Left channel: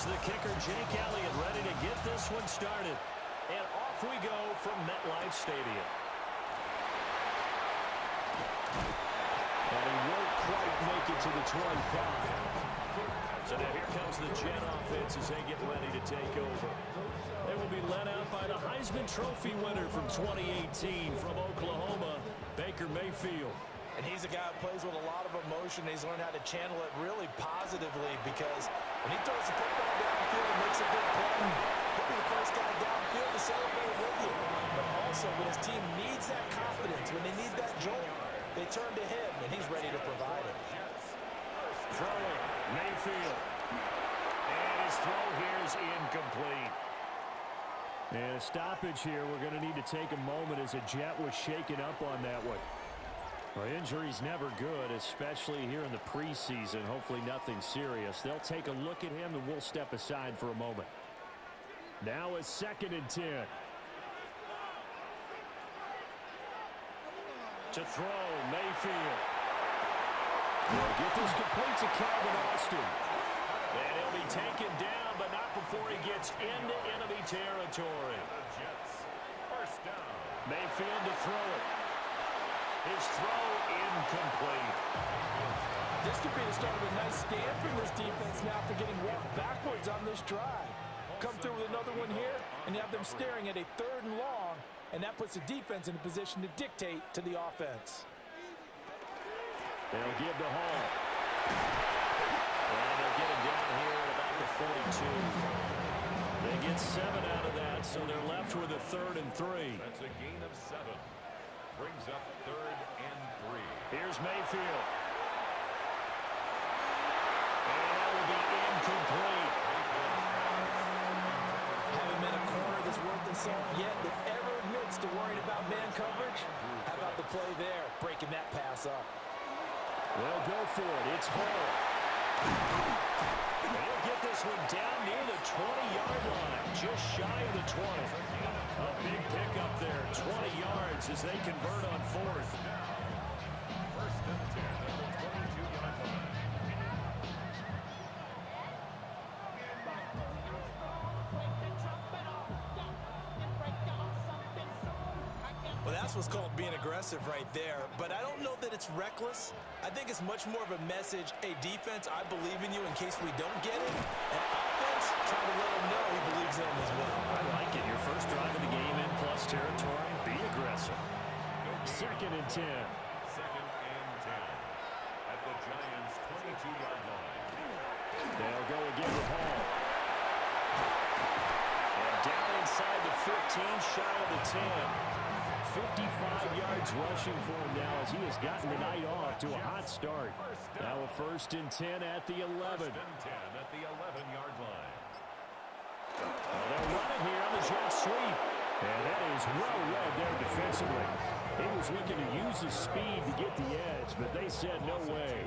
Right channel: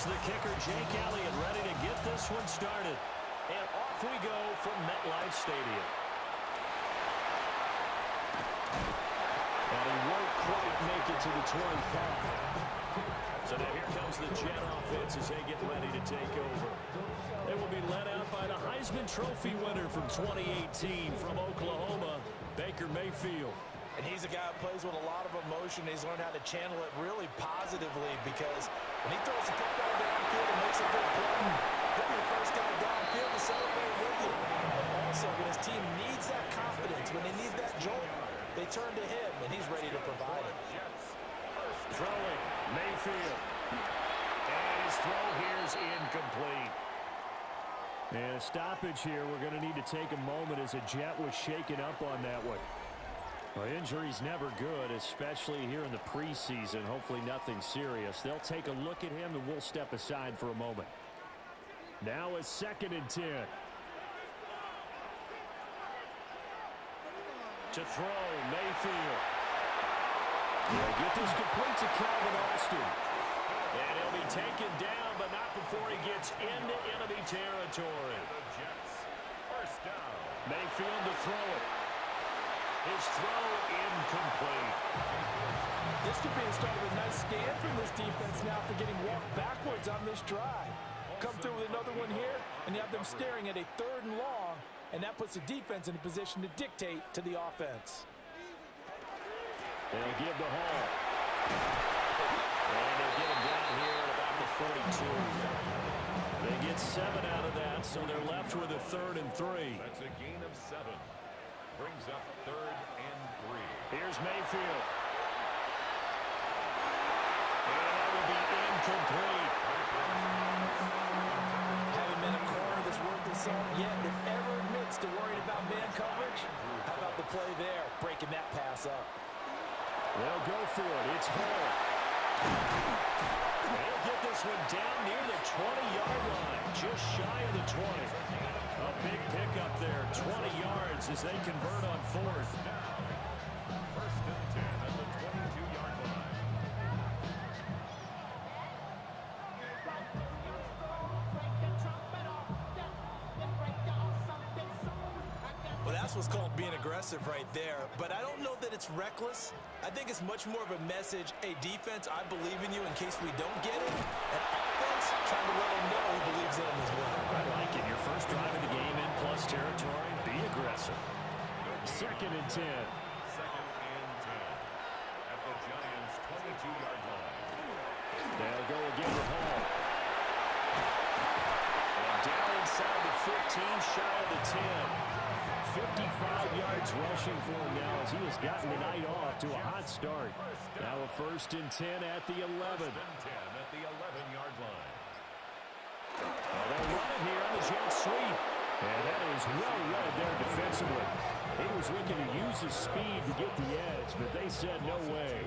Here's the kicker, Jake Elliott, ready to get this one started. And off we go from MetLife Stadium. And he won't quite make it to the 25. So now here comes the Jet offense as they get ready to take over. They will be led out by the Heisman Trophy winner from 2018 from Oklahoma, Baker Mayfield. And he's a guy who plays with a lot of emotion. He's learned how to channel it really positively because when he throws the football downfield and makes a big play, he'll be the first guy downfield to celebrate with you. But also, when his team needs that confidence, when they need that jolt, they turn to him, and he's ready to provide it. Throwing, Mayfield. And his throw here is incomplete. And a stoppage here. We're going to need to take a moment as a Jet was shaken up on that one. Well, injury's never good, especially here in the preseason. Hopefully nothing serious. They'll take a look at him, and we'll step aside for a moment. Now it's 2nd and 10. To throw, Mayfield. They'll get this complete to Calvin Austin. And he'll be taken down, but not before he gets into enemy territory. First down. Mayfield to throw it. His throw incomplete. This could be the start of a nice stand from this defense now for getting walked backwards on this drive. Come through with another one here, and you have them staring at a 3rd and long, and that puts the defense in a position to dictate to the offense. They'll give to Hall. And they'll get him down here at about the 42. They get 7 out of that, so they're left with a 3rd and 3. That's a gain of 7. Brings up 3rd and 3. Here's Mayfield. And that will be incomplete. Haven't been a corner that's worth the salt yet that ever admits to worrying about man coverage. How about the play there, breaking that pass up? They'll go for it. It's Hall. They'll get this one down near the 20-yard line, just shy of the 20. A big pickup there, 20 yards as they convert on 4th. First and 10 at the 22-yard line. Well, that's what's called being aggressive right there. But I don't know that it's reckless. I think it's much more of a message. Hey, defense, I believe in you in case we don't get it. And offense, trying to let them know he believes in them as well. I like it. Your first drive of the game in plus territory. Be aggressive. 2nd and 10. 2nd and 10 at the Giants' 22-yard line. They'll go again with Hall. And down inside the 15, shy of the 10. 55 yards rushing for him now as he has gotten the night off to a hot start. Now a 1st and 10 at the 11. 1st and 10 at the 11-yard line. Well, they'll run it here on the jet sweep. And that is well read there defensively. He was looking to use his speed to get the edge, but they said no way.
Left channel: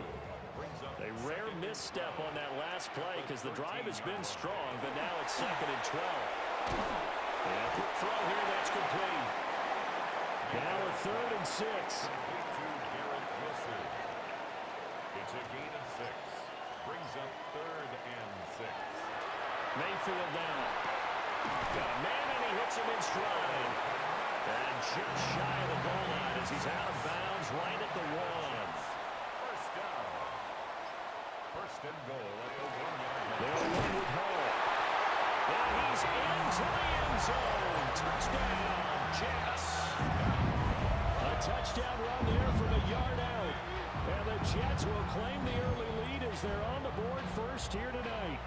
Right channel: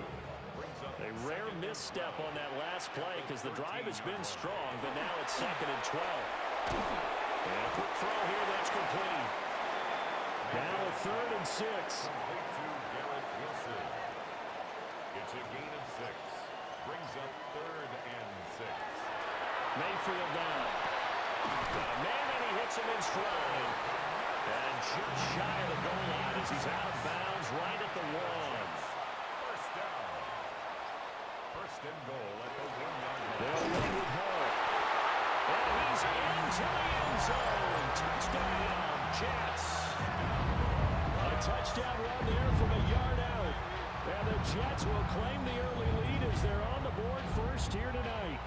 A rare misstep on that last play because the drive has been strong, but now it's 2nd and 12. And a quick throw here that's complete. Now a 3rd and 6. Complete to Garrett Wilson. It's a gain of 6. Brings up 3rd and 6. Mayfield down. Got a man and he hits him in stride. And just shy of the goal line as he's out of bounds right at the 1. First down. 1st and goal at the 1-yard line. They'll run with Hall. And he's into the end zone. Touchdown, Jets. A touchdown run there from a yard out. And the Jets will claim the early lead as they're on the board first here tonight.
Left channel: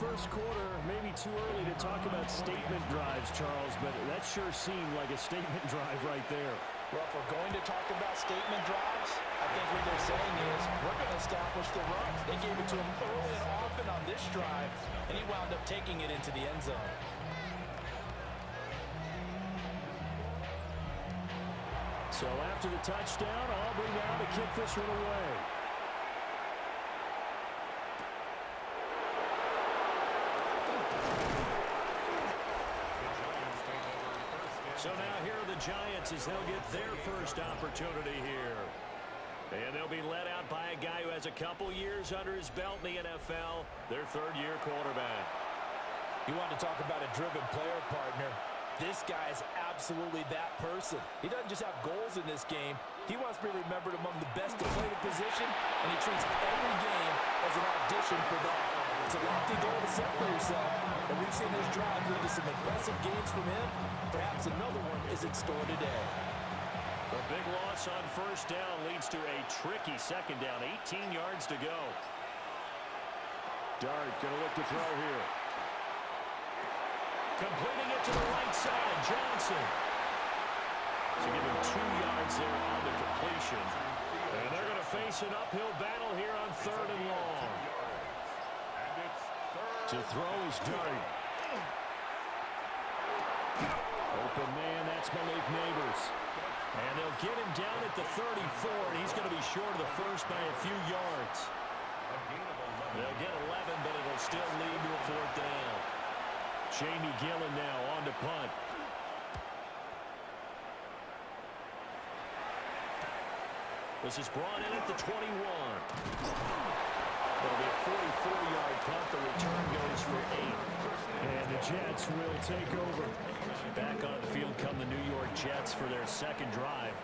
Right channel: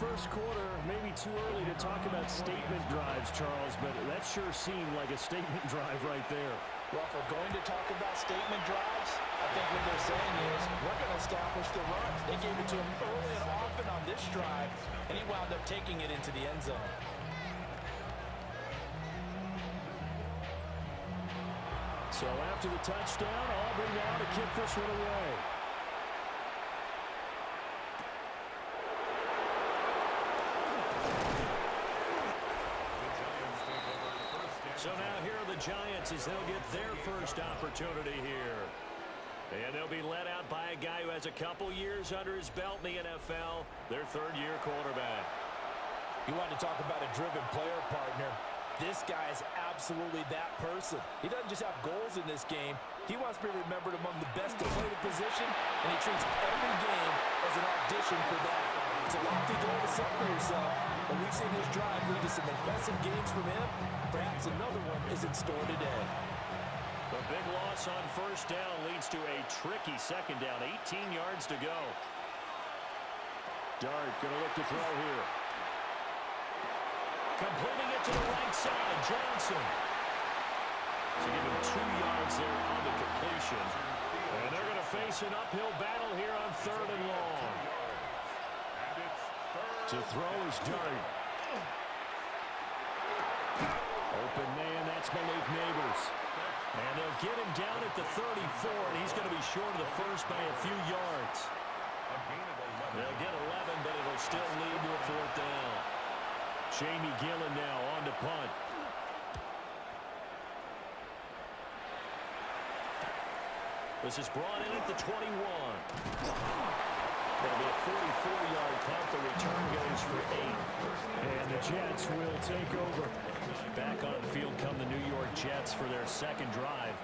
First quarter, maybe too early to talk about statement drives, Charles, but that sure seemed like a statement drive right there. Well, if we're going to talk about statement drives, I think what they're saying is we're going to establish the run. They gave it to him early and often on this drive, and he wound up taking it into the end zone. So after the touchdown, Aubrey now to kick this one away. So now here are the Giants as they'll get their first opportunity here. And they'll be led out by a guy who has a couple years under his belt in the NFL, their third-year quarterback. You want to talk about a driven player, partner. This guy is absolutely that person. He doesn't just have goals in this game. He wants to be remembered among the best to play the position, and he treats every game as an audition for that. It's a lofty goal to set for yourself, but we've seen his drive lead to some impressive games from him. Perhaps another one is in store today. The big loss on first down leads to a tricky second down. 18 yards to go. Dart going to look to throw here. Completing it to the right side, Johnson. So give him 2 yards there on the completion. And they're going to face an uphill battle here on third and long. To throw is Dart. Open man, that's Malik Neighbors. And they'll get him down at the 34, and he's going to be short of the first by a few yards. They'll get 11, but it'll still lead to a fourth down. Jamie Gillen now on to punt. This is brought in at the 21. It'll be a 44-yard punt. The return goes for 8. And the Jets will take over. Back on the field come the New York Jets for their second drive.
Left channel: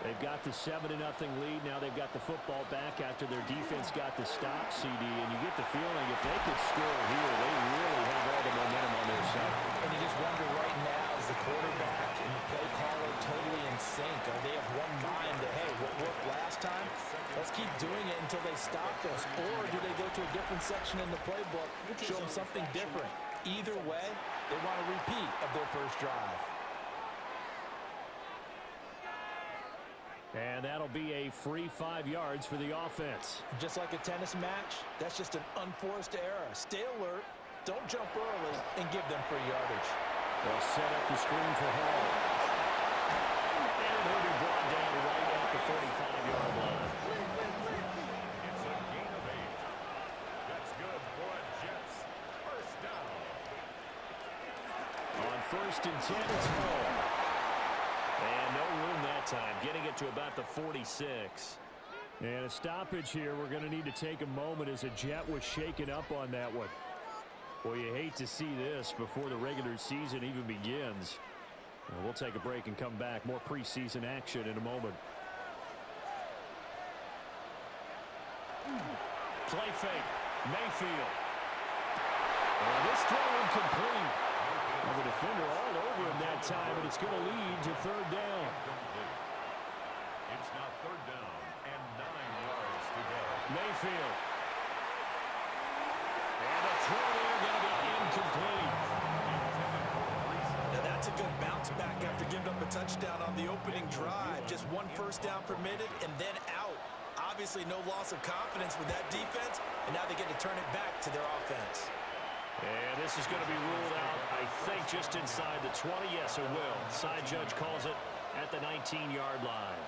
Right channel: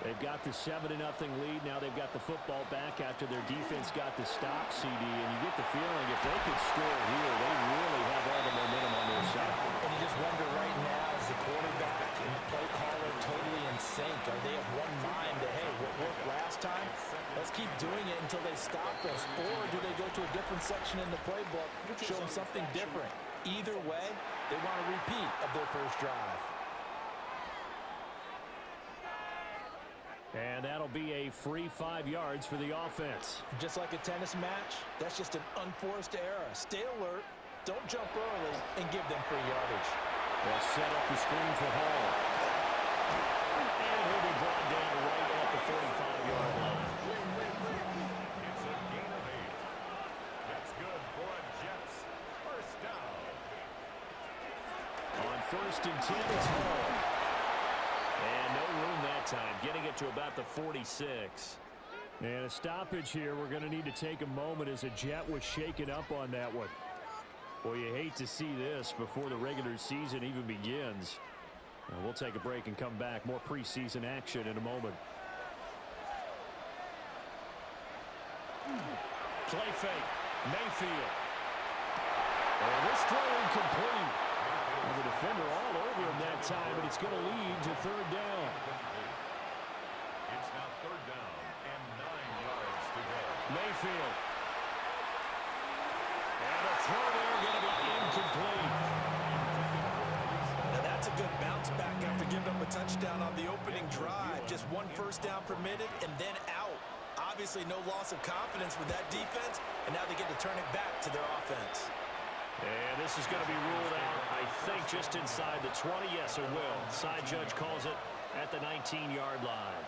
They've got the 7-0 lead. Now they've got the football back after their defense got the stop, CD. And you get the feeling if they could score here, they really have all the momentum on their side. And you just wonder right now, is the quarterback and the play caller totally in sync? Are they of one mind that, hey, what worked last time, let's keep doing it until they stop us? Or do they go to a different section in the playbook, show them something different? Either way, they want a repeat of their first drive. And that'll be a free 5 yards for the offense. Just like a tennis match, that's just an unforced error. Stay alert, don't jump early, and give them free yardage. They'll set up the screen for Hall. And he'll be brought down right at the 45-yard line. It's a gain of 8. That's good for a Jets first down. On first and 10, it's Hall. And no room that time, getting it to about the 46. And a stoppage here. We're going to need to take a moment as a Jet was shaken up on that one. Well, you hate to see this before the regular season even begins. We'll take a break and come back. More preseason action in a moment. Play fake. Mayfield. And this throw incomplete. Well, the defender all over him that time, but it's going to lead to third down. It's now third down and 9 yards to go. Mayfield. And the throw there going to be incomplete. Now that's a good bounce back after giving up a touchdown on the opening drive. Just one first down permitted and then out. Obviously no loss of confidence with that defense, and now they get to turn it back to their offense. And this is going to be ruled out, I think, just inside the 20. Yes, it will. Side judge calls it at the 19-yard line.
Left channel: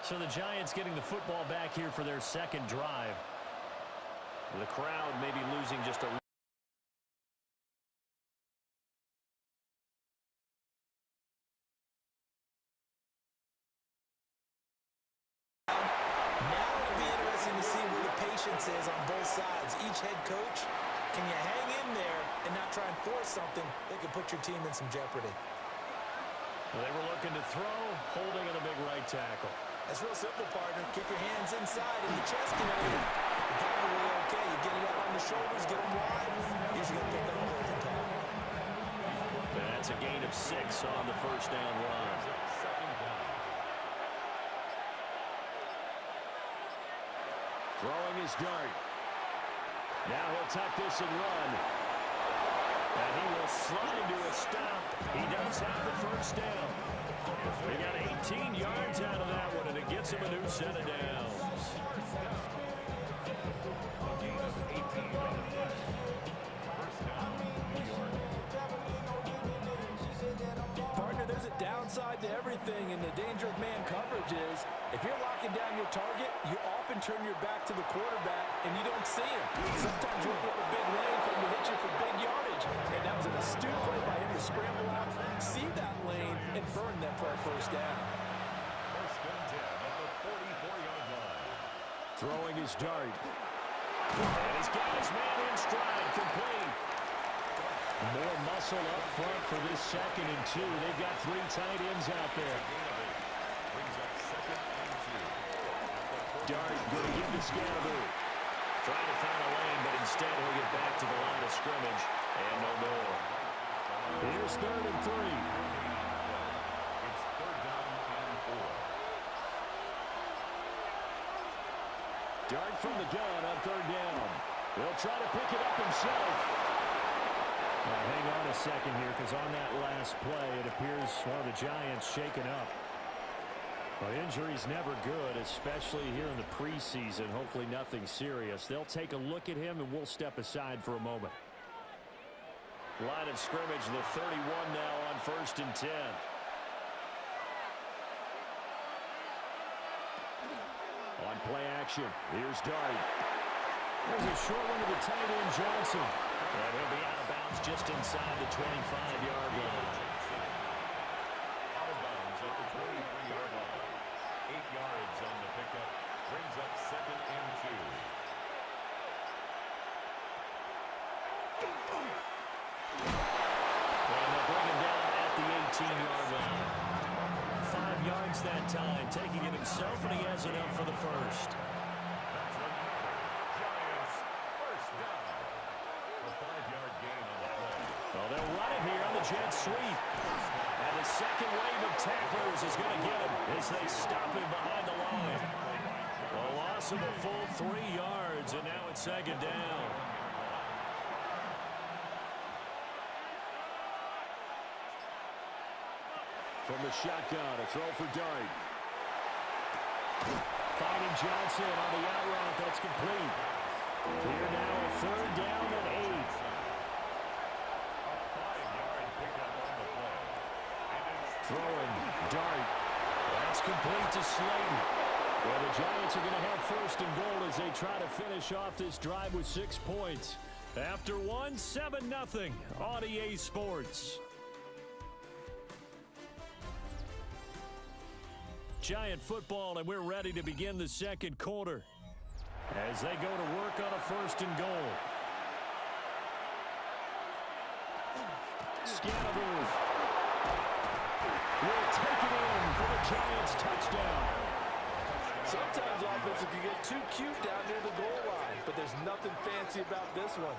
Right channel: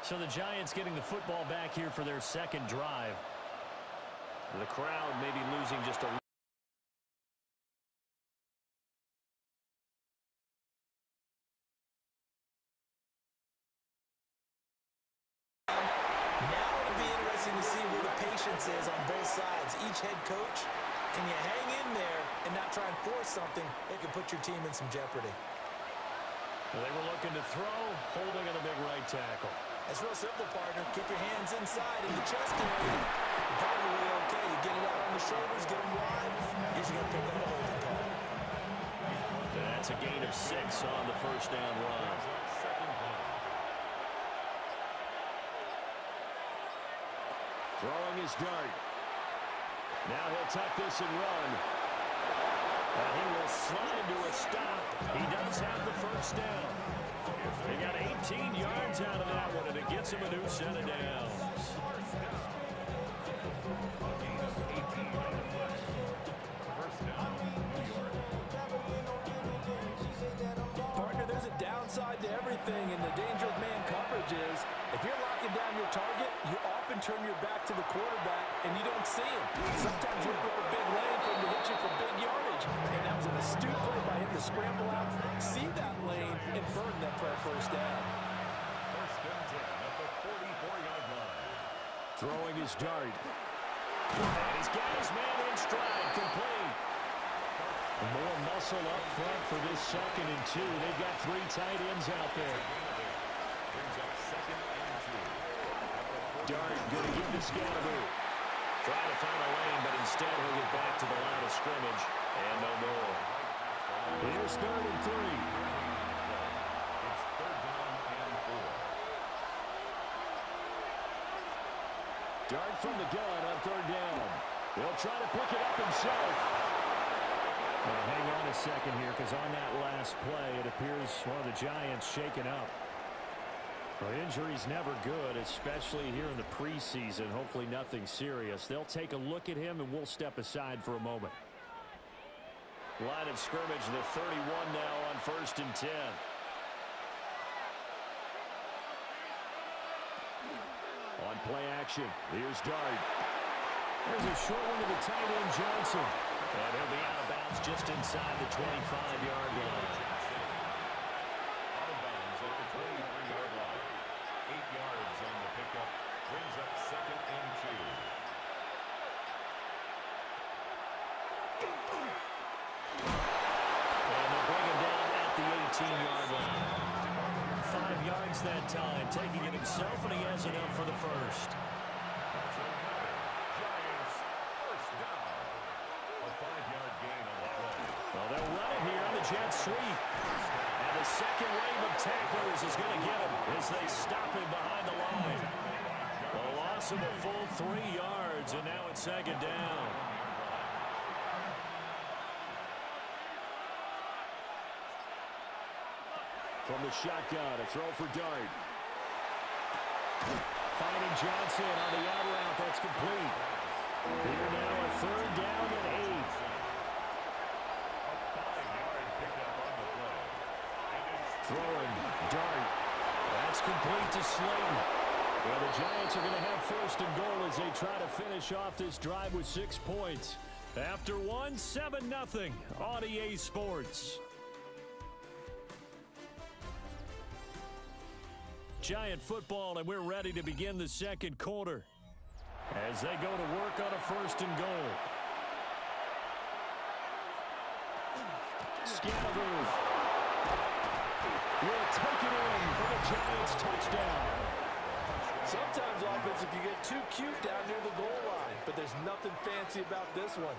So the Giants getting the football back here for their second drive. The crowd may be losing just a Now it'll be interesting to see where the patience is on both sides. Each head coach, can you hang in there and not try and force something that could put your team in some jeopardy? Well, they were looking to throw, holding on the big right tackle. It's real simple, partner. Keep your hands inside in the chest area. You're probably okay. You get it out on the shoulders, get them wide. Usually going to pick up a holding call. That's a gain of 6 on the first down run. Throwing his Dart. Now he'll tuck this and run. And he will slide into a stop. He does have the first down. He got 18 yards out of that one, and it gets him a new set of downs. A gain of 18 on the play. First down, New York. Partner, there's a downside to everything, and the danger of man coverage is if you're locking down your target, you often turn your back to the quarterback, and you don't see him. Sometimes you open up a big lane for him to hit you for big yardage, and that was an astute play by him to scramble out, see that lane, and burn them for a first down. First and 10 at the 44 Throwing his dart. And he's got his man in stride, complete. More muscle up front for this 2nd and 2. They've got 3 tight ends out there. Brings up 2nd and 2. Dart going to give to Scatteroo. Trying to find a lane, but instead he'll get back to the line of scrimmage. And no more. Here's 3rd and 3. It's 3rd down and 4. Dart from the gun on 3rd down. He'll try to pick it up himself. Hang on a second here, because on that last play, it appears one of the Giants shaken up. Well, injury's never good, especially here in the preseason. Hopefully nothing serious. They'll take a look at him, and we'll step aside for a moment. Line of scrimmage, the 31 now on 1st and 10. On play action, here's Dart. There's a short one to the tight end, Johnson. And he'll be out of bounds just inside the 25-yard line. Out of bounds at the 23-yard line. 8 yards on the pickup. Brings up 2nd and 2. And they'll bring him down at the 18-yard line. 5 yards that time, taking it himself, and he has enough for the first. That's another Giants first down. A 5-yard gain on the play. Well, they'll run it here on the jet sweep. And the second wave of tacklers is going to get him as they stop him behind the line. A loss of a full 3 yards, and now it's 2nd down. From the shotgun, a throw for Dart. Finding Johnson on the out route. That's complete. Here now a 3rd down and 8. A 5-yard pickup on the play. And it's Throwing, Dart. That's complete to Slayton. Well, the Giants are going to have 1st and goal as they try to finish off this drive with 6 points. After one, 7-0 on EA Sports. Giant football, and we're ready to begin the 2nd quarter as they go to work on a 1st and goal. Scatteroo will take it in for the Giants touchdown. Sometimes offenses can get too cute down near the goal line, but there's nothing fancy about this one.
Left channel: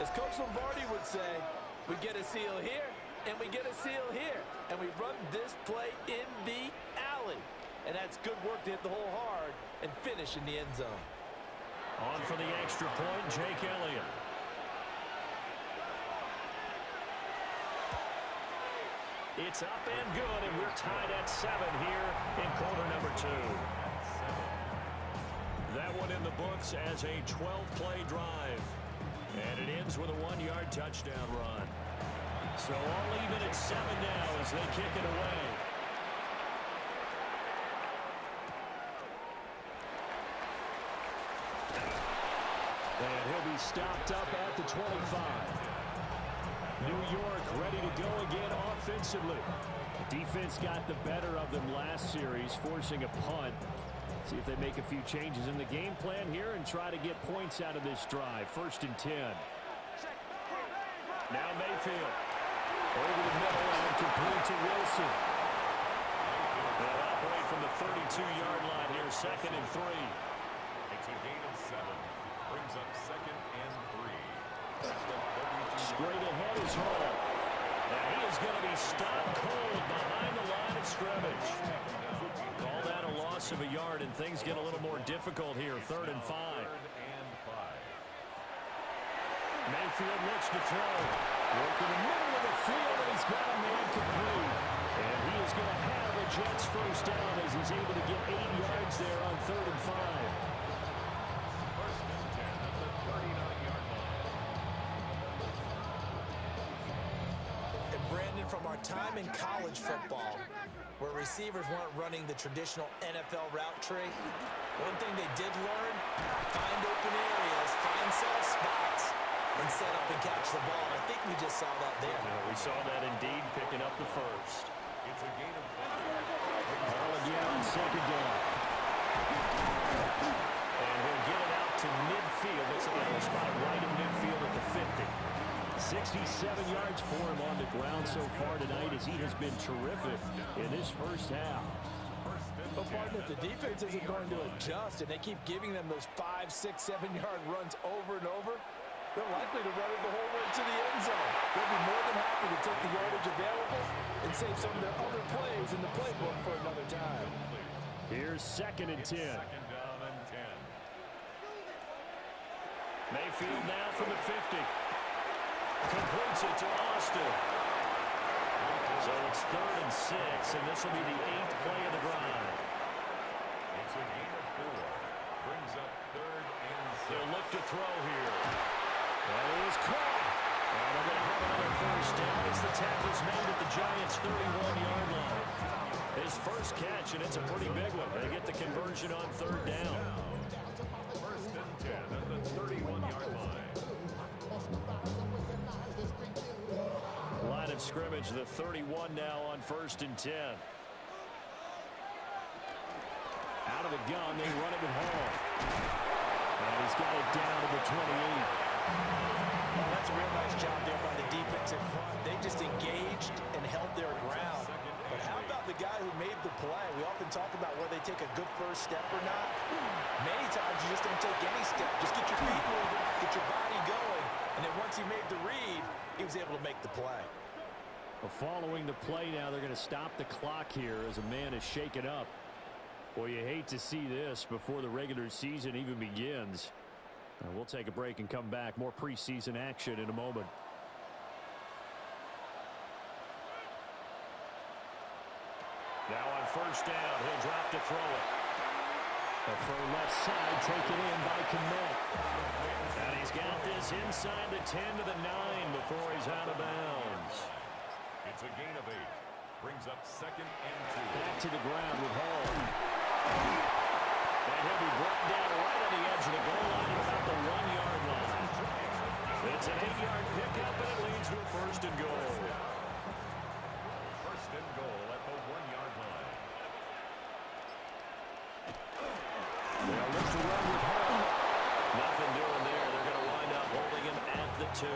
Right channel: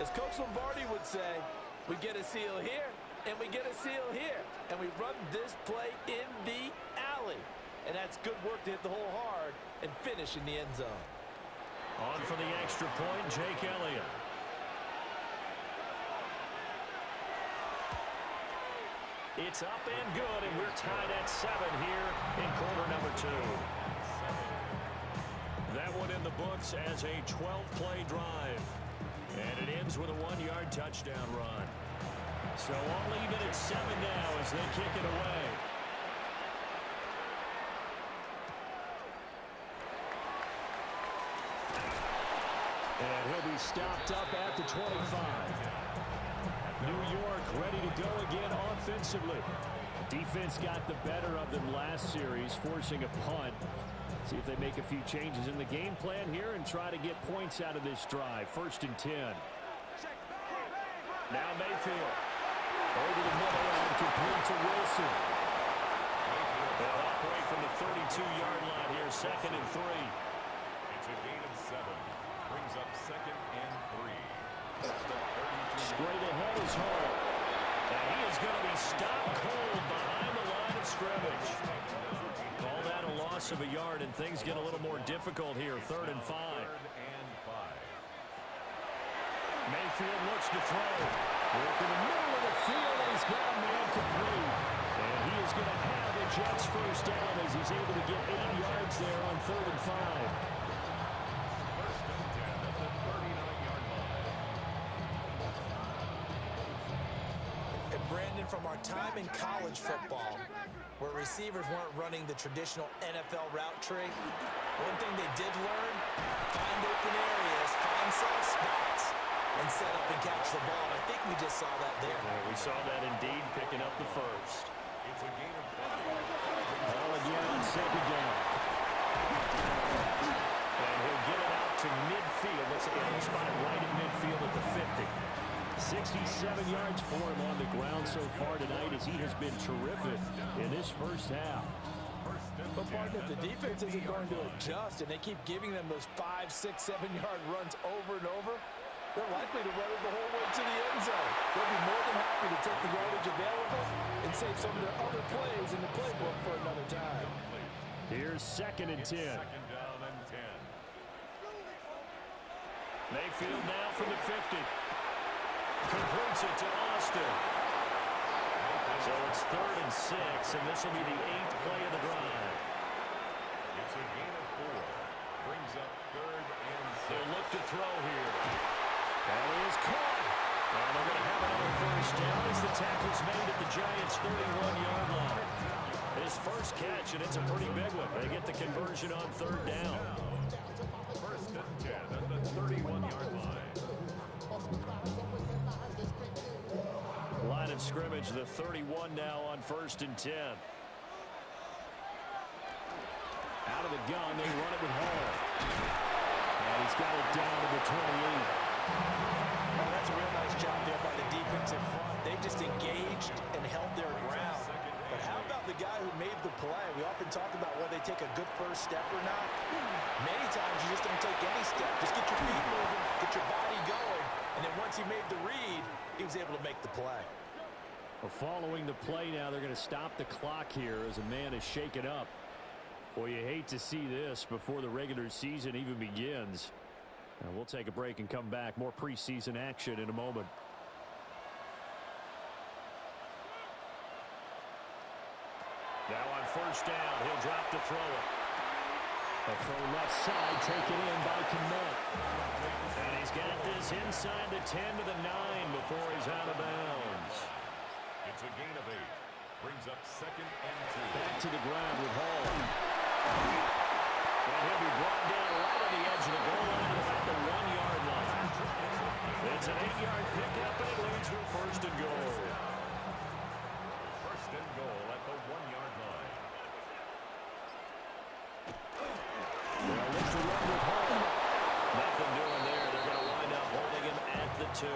As Coach Lombardi would say, we get a seal here, and we get a seal here, and we run this play in the alley. And that's good work to hit the hole hard and finish in the end zone. On for the extra point, Jake Elliott. It's up and good, and we're tied at 7 here in quarter number 2. That one in the books as a 12-play drive. And it ends with a 1-yard touchdown run. So all even at 7 now as they kick it away. And he'll be stopped up at the 25. New York ready to go again offensively. Defense got the better of them last series, forcing a punt. See if they make a few changes in the game plan here and try to get points out of this drive. 1st and 10. Now Mayfield. Over the middle and complete to Wilson. They'll operate from the 32-yard line here, 2nd and 3. It's a gain of 7. Brings up 2nd and 3. Straight ahead is Hall. And he is going to be stopped cold behind the line of scrimmage. Call that a loss of a yard, and things get a little more difficult here. 3rd and 5. Mayfield looks to throw. Work in the middle of the field, and he's got a man complete. And he is going to have a Jets first down as he's able to get 8 yards there on 3rd and 5. 1st and 10 at the 39-yard line. And Brandon, from our time in college football, where receivers weren't running the traditional NFL route tree, one thing they did learn, find open areas, find soft spots, and set up and catch the ball. And I think we just saw that there. Yeah, we saw that indeed, picking up the first. It's a gain of 5. Ball again on 2nd down. And spotted right at midfield at the 50. 67 yards for him on the ground so far tonight as he has been terrific in this first half. But partner, if the defense isn't going to adjust and they keep giving them those 5, 6, 7-yard runs over and over, they're likely to run it the whole way to the end zone. They'll be more than happy to take the yardage available and save some of their other plays in the playbook for another time. Here's 2nd and 10. Second down and 10. Mayfield now from the 50. Completes it to Austin. So it's 3rd and 6, and this will be the 8th play of the drive. It's a gain of 4. Brings up 3rd and 6. They'll look to throw here. That is caught. And they're going to have another first down as the tackle's made at the Giants' 31-yard line. His first catch, and it's a pretty big one. They get the conversion on 3rd down. 1st and 10 at the 31-yard line. Line of scrimmage, the 31 now on 1st and 10. Out of the gun, they run it with Hall. And he's got it down to the 28. Oh, that's a real nice job there by the defense in front. They just engaged and held their ground. But how about the guy who made the play? We often talk about whether they take a good first step or not. Many times you just don't take any step. Just get your feet moving, get your body going, and then once he made the read, he was able to make the play. Well, following the play now, they're going to stop the clock here as a man is shaken up. Boy, you hate to see this before the regular season even begins. Now, we'll take a break and come back. More preseason action in a moment. Now on 1st down, he'll drop to throw it. A throw left side taken in by Kmet. And he's got this inside the 10 to the 9 before he's out of bounds. It's a gain of 8. Brings up 2nd and 2. Back to the ground with Hall. And he'll be brought down right on the edge of the goal line at about the 1-yard line. It's an 8-yard pickup, and it leads to a 1st and goal. 1st and goal at the 1-yard line. They'll look to run with Hall. Nothing doing there. They're going to wind up holding him at the 2.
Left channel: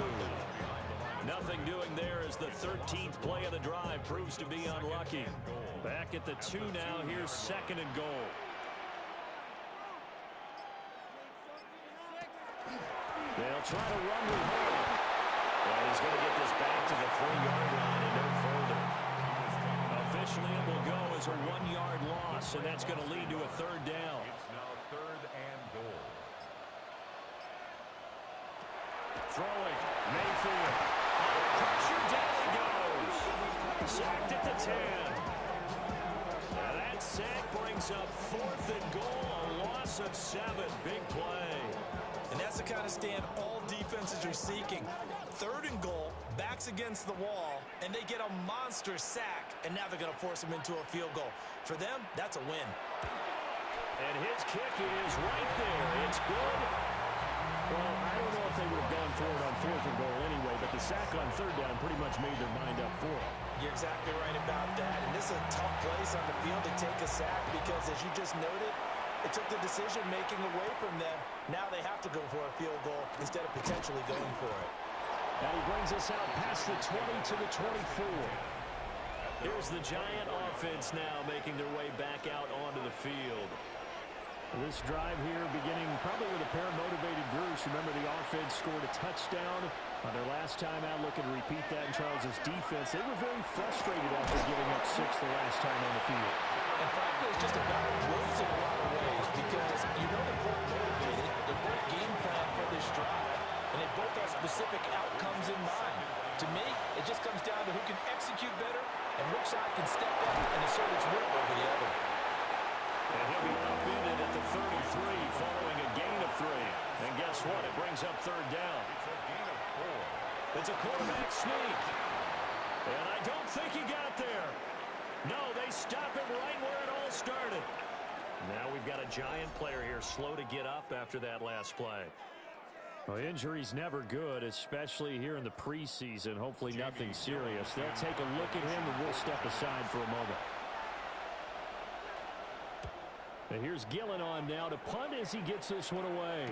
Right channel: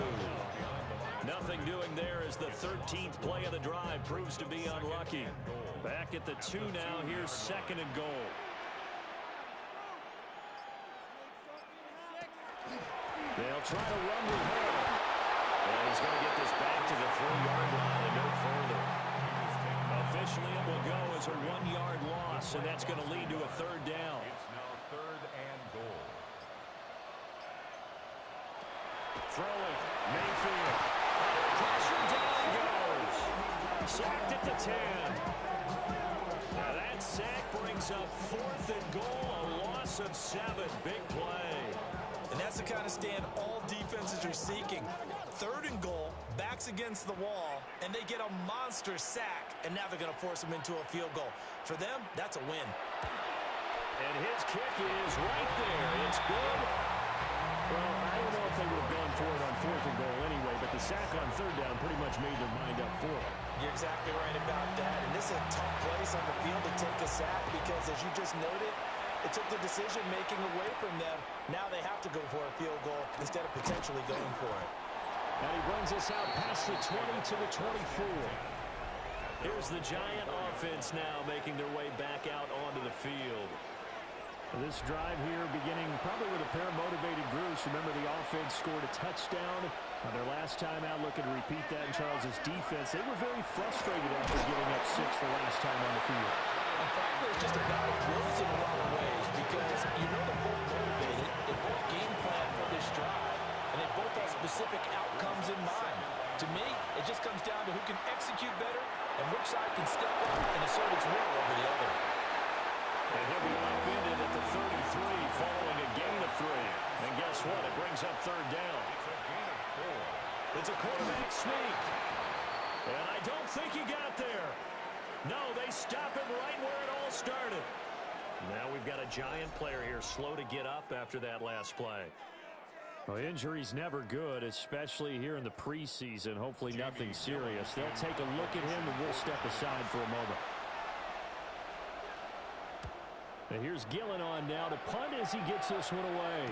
Nothing doing there as the 13th play of the drive proves to be unlucky. Back at the 2 now. Here's 2nd and goal. They'll try to run with Hall. And he's going to get this back to the 3-yard line and no further. Officially, it will go as a 1-yard loss, and that's going to lead to a 3rd down. It's now 3rd and goal. Throwing, Mayfield. Under pressure, down he goes. Sacked at the 10. Now that sack brings up 4th and goal, a loss of 7. Big play. And that's the kind of stand all defenses are seeking. 3rd and goal, backs against the wall, and they get a monster sack, and now they're going to force them into a field goal. For them, that's a win. And his kick is right there. It's good. Well, I don't know if they would have gone for it on 4th and goal anyway, but the sack on 3rd down pretty much made their mind up for it. You're exactly right about that. And this is a tough place on the field to take a sack because, as you just noted, it took the decision-making away from them. Now they have to go for a field goal instead of potentially going for it. And he brings us out past the 20 to the 24. Here's the Giant offense now making their way back out onto the field. This drive here beginning probably with a pair of motivated groups. Remember, the offense scored a touchdown on their last time out. Looking to repeat that in Charles's defense. They were very frustrated after giving up 6 the last time on the field. And frankly, it's just a battle of wills in a lot of ways because you know they're both motivated. They both game plan for this drive, and they both have specific outcomes in mind. To me, it just comes down to who can execute better and which side can step up and assert its will over the other. And he'll be upended at the 33 following a gain of 3. And guess what? It brings up 3rd down. It's a gain of 4. It's a quarterback sneak. And I don't think he got there. No, they stop him right where it all started. Now we've got a Giant player here slow to get up after that last play. Well, injury's never good, especially here in the preseason. Hopefully nothing serious. They'll take a look at him, and we'll step aside for a moment. And here's Gillen on now to punt as he gets this one away.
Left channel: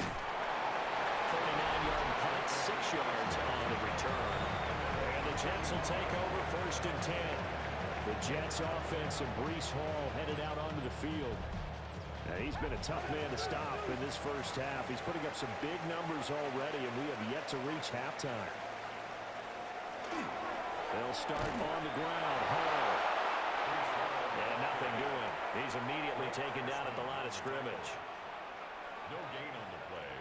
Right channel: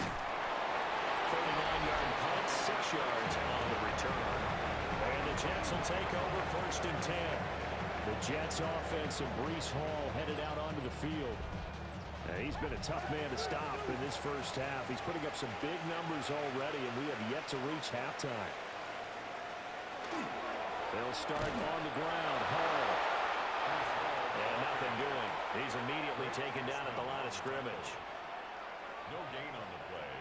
39-yard punt, 6 yards on the return. And the Jets will take over 1st and 10. The Jets offense and Breece Hall headed out onto the field. Now, he's been a tough man to stop in this first half. He's putting up some big numbers already, and we have yet to reach halftime. They'll start on the ground. Hall. And nothing doing. He's immediately taken down at the line of scrimmage. No gain on the play.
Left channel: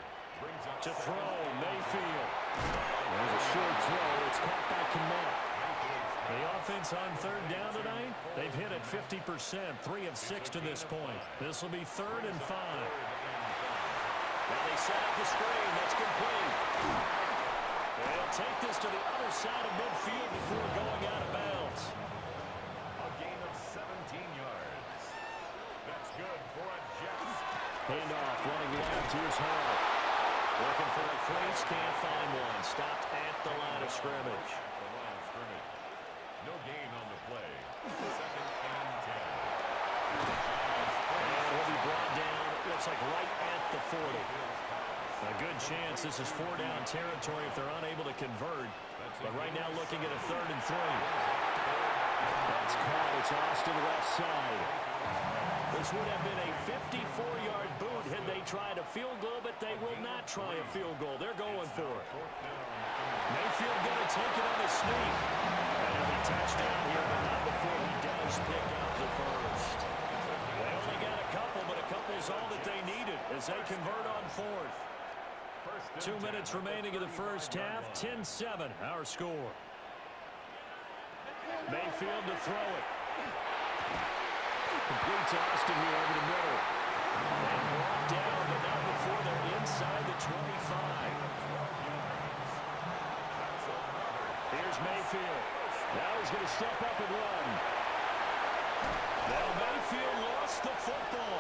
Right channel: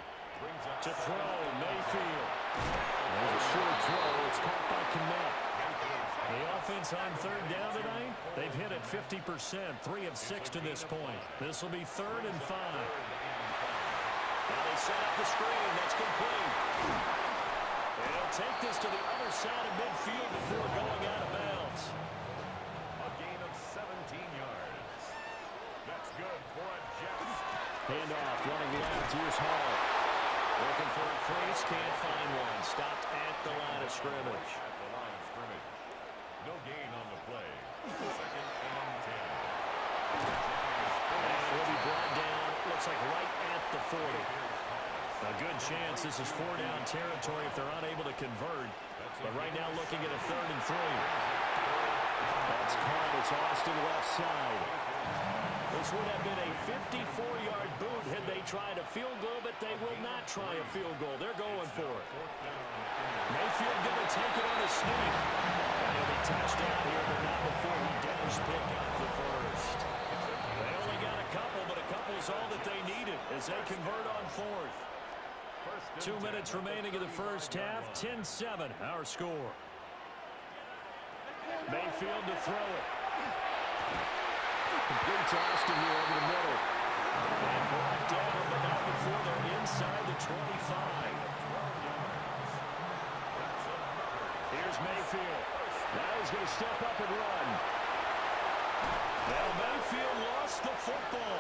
Brings up To throw, Mayfield. There's a short throw. It's caught by Kmet. The offense on 3rd down tonight, they've hit it 50%, 3 of 6 to this point. This will be 3rd and 5. Now they set up the screen. That's complete. They'll take this to the other side of midfield before going out of bounds. A gain of 17 yards. That's good for a Jets. Handoff, running left. Here's Hall. Looking for a crease, can't find one. Stopped at the line of scrimmage. At the line of scrimmage. No gain on the play. 2nd and 10. And he'll be brought down, looks like right at the 40. A good chance this is 4-down territory if they're unable to convert. But right now looking at a 3rd and 3. That's caught. It's Austin left side. This would have been a 54-yard boot had they tried a field goal, but they will not try a field goal. They're going for it. Mayfield going to take it on a sneak. And he'll be touched down here, but not before he does pick up the first. They only got a couple, but a couple's all that they needed as they convert on 4th. 2 minutes remaining in the first half. 10-7, our score. Mayfield to throw it. Completes Austin here over the middle. And brought down, but not before they're inside the 25. Here's Mayfield. Now he's going to step up and run. Now Mayfield lost the football.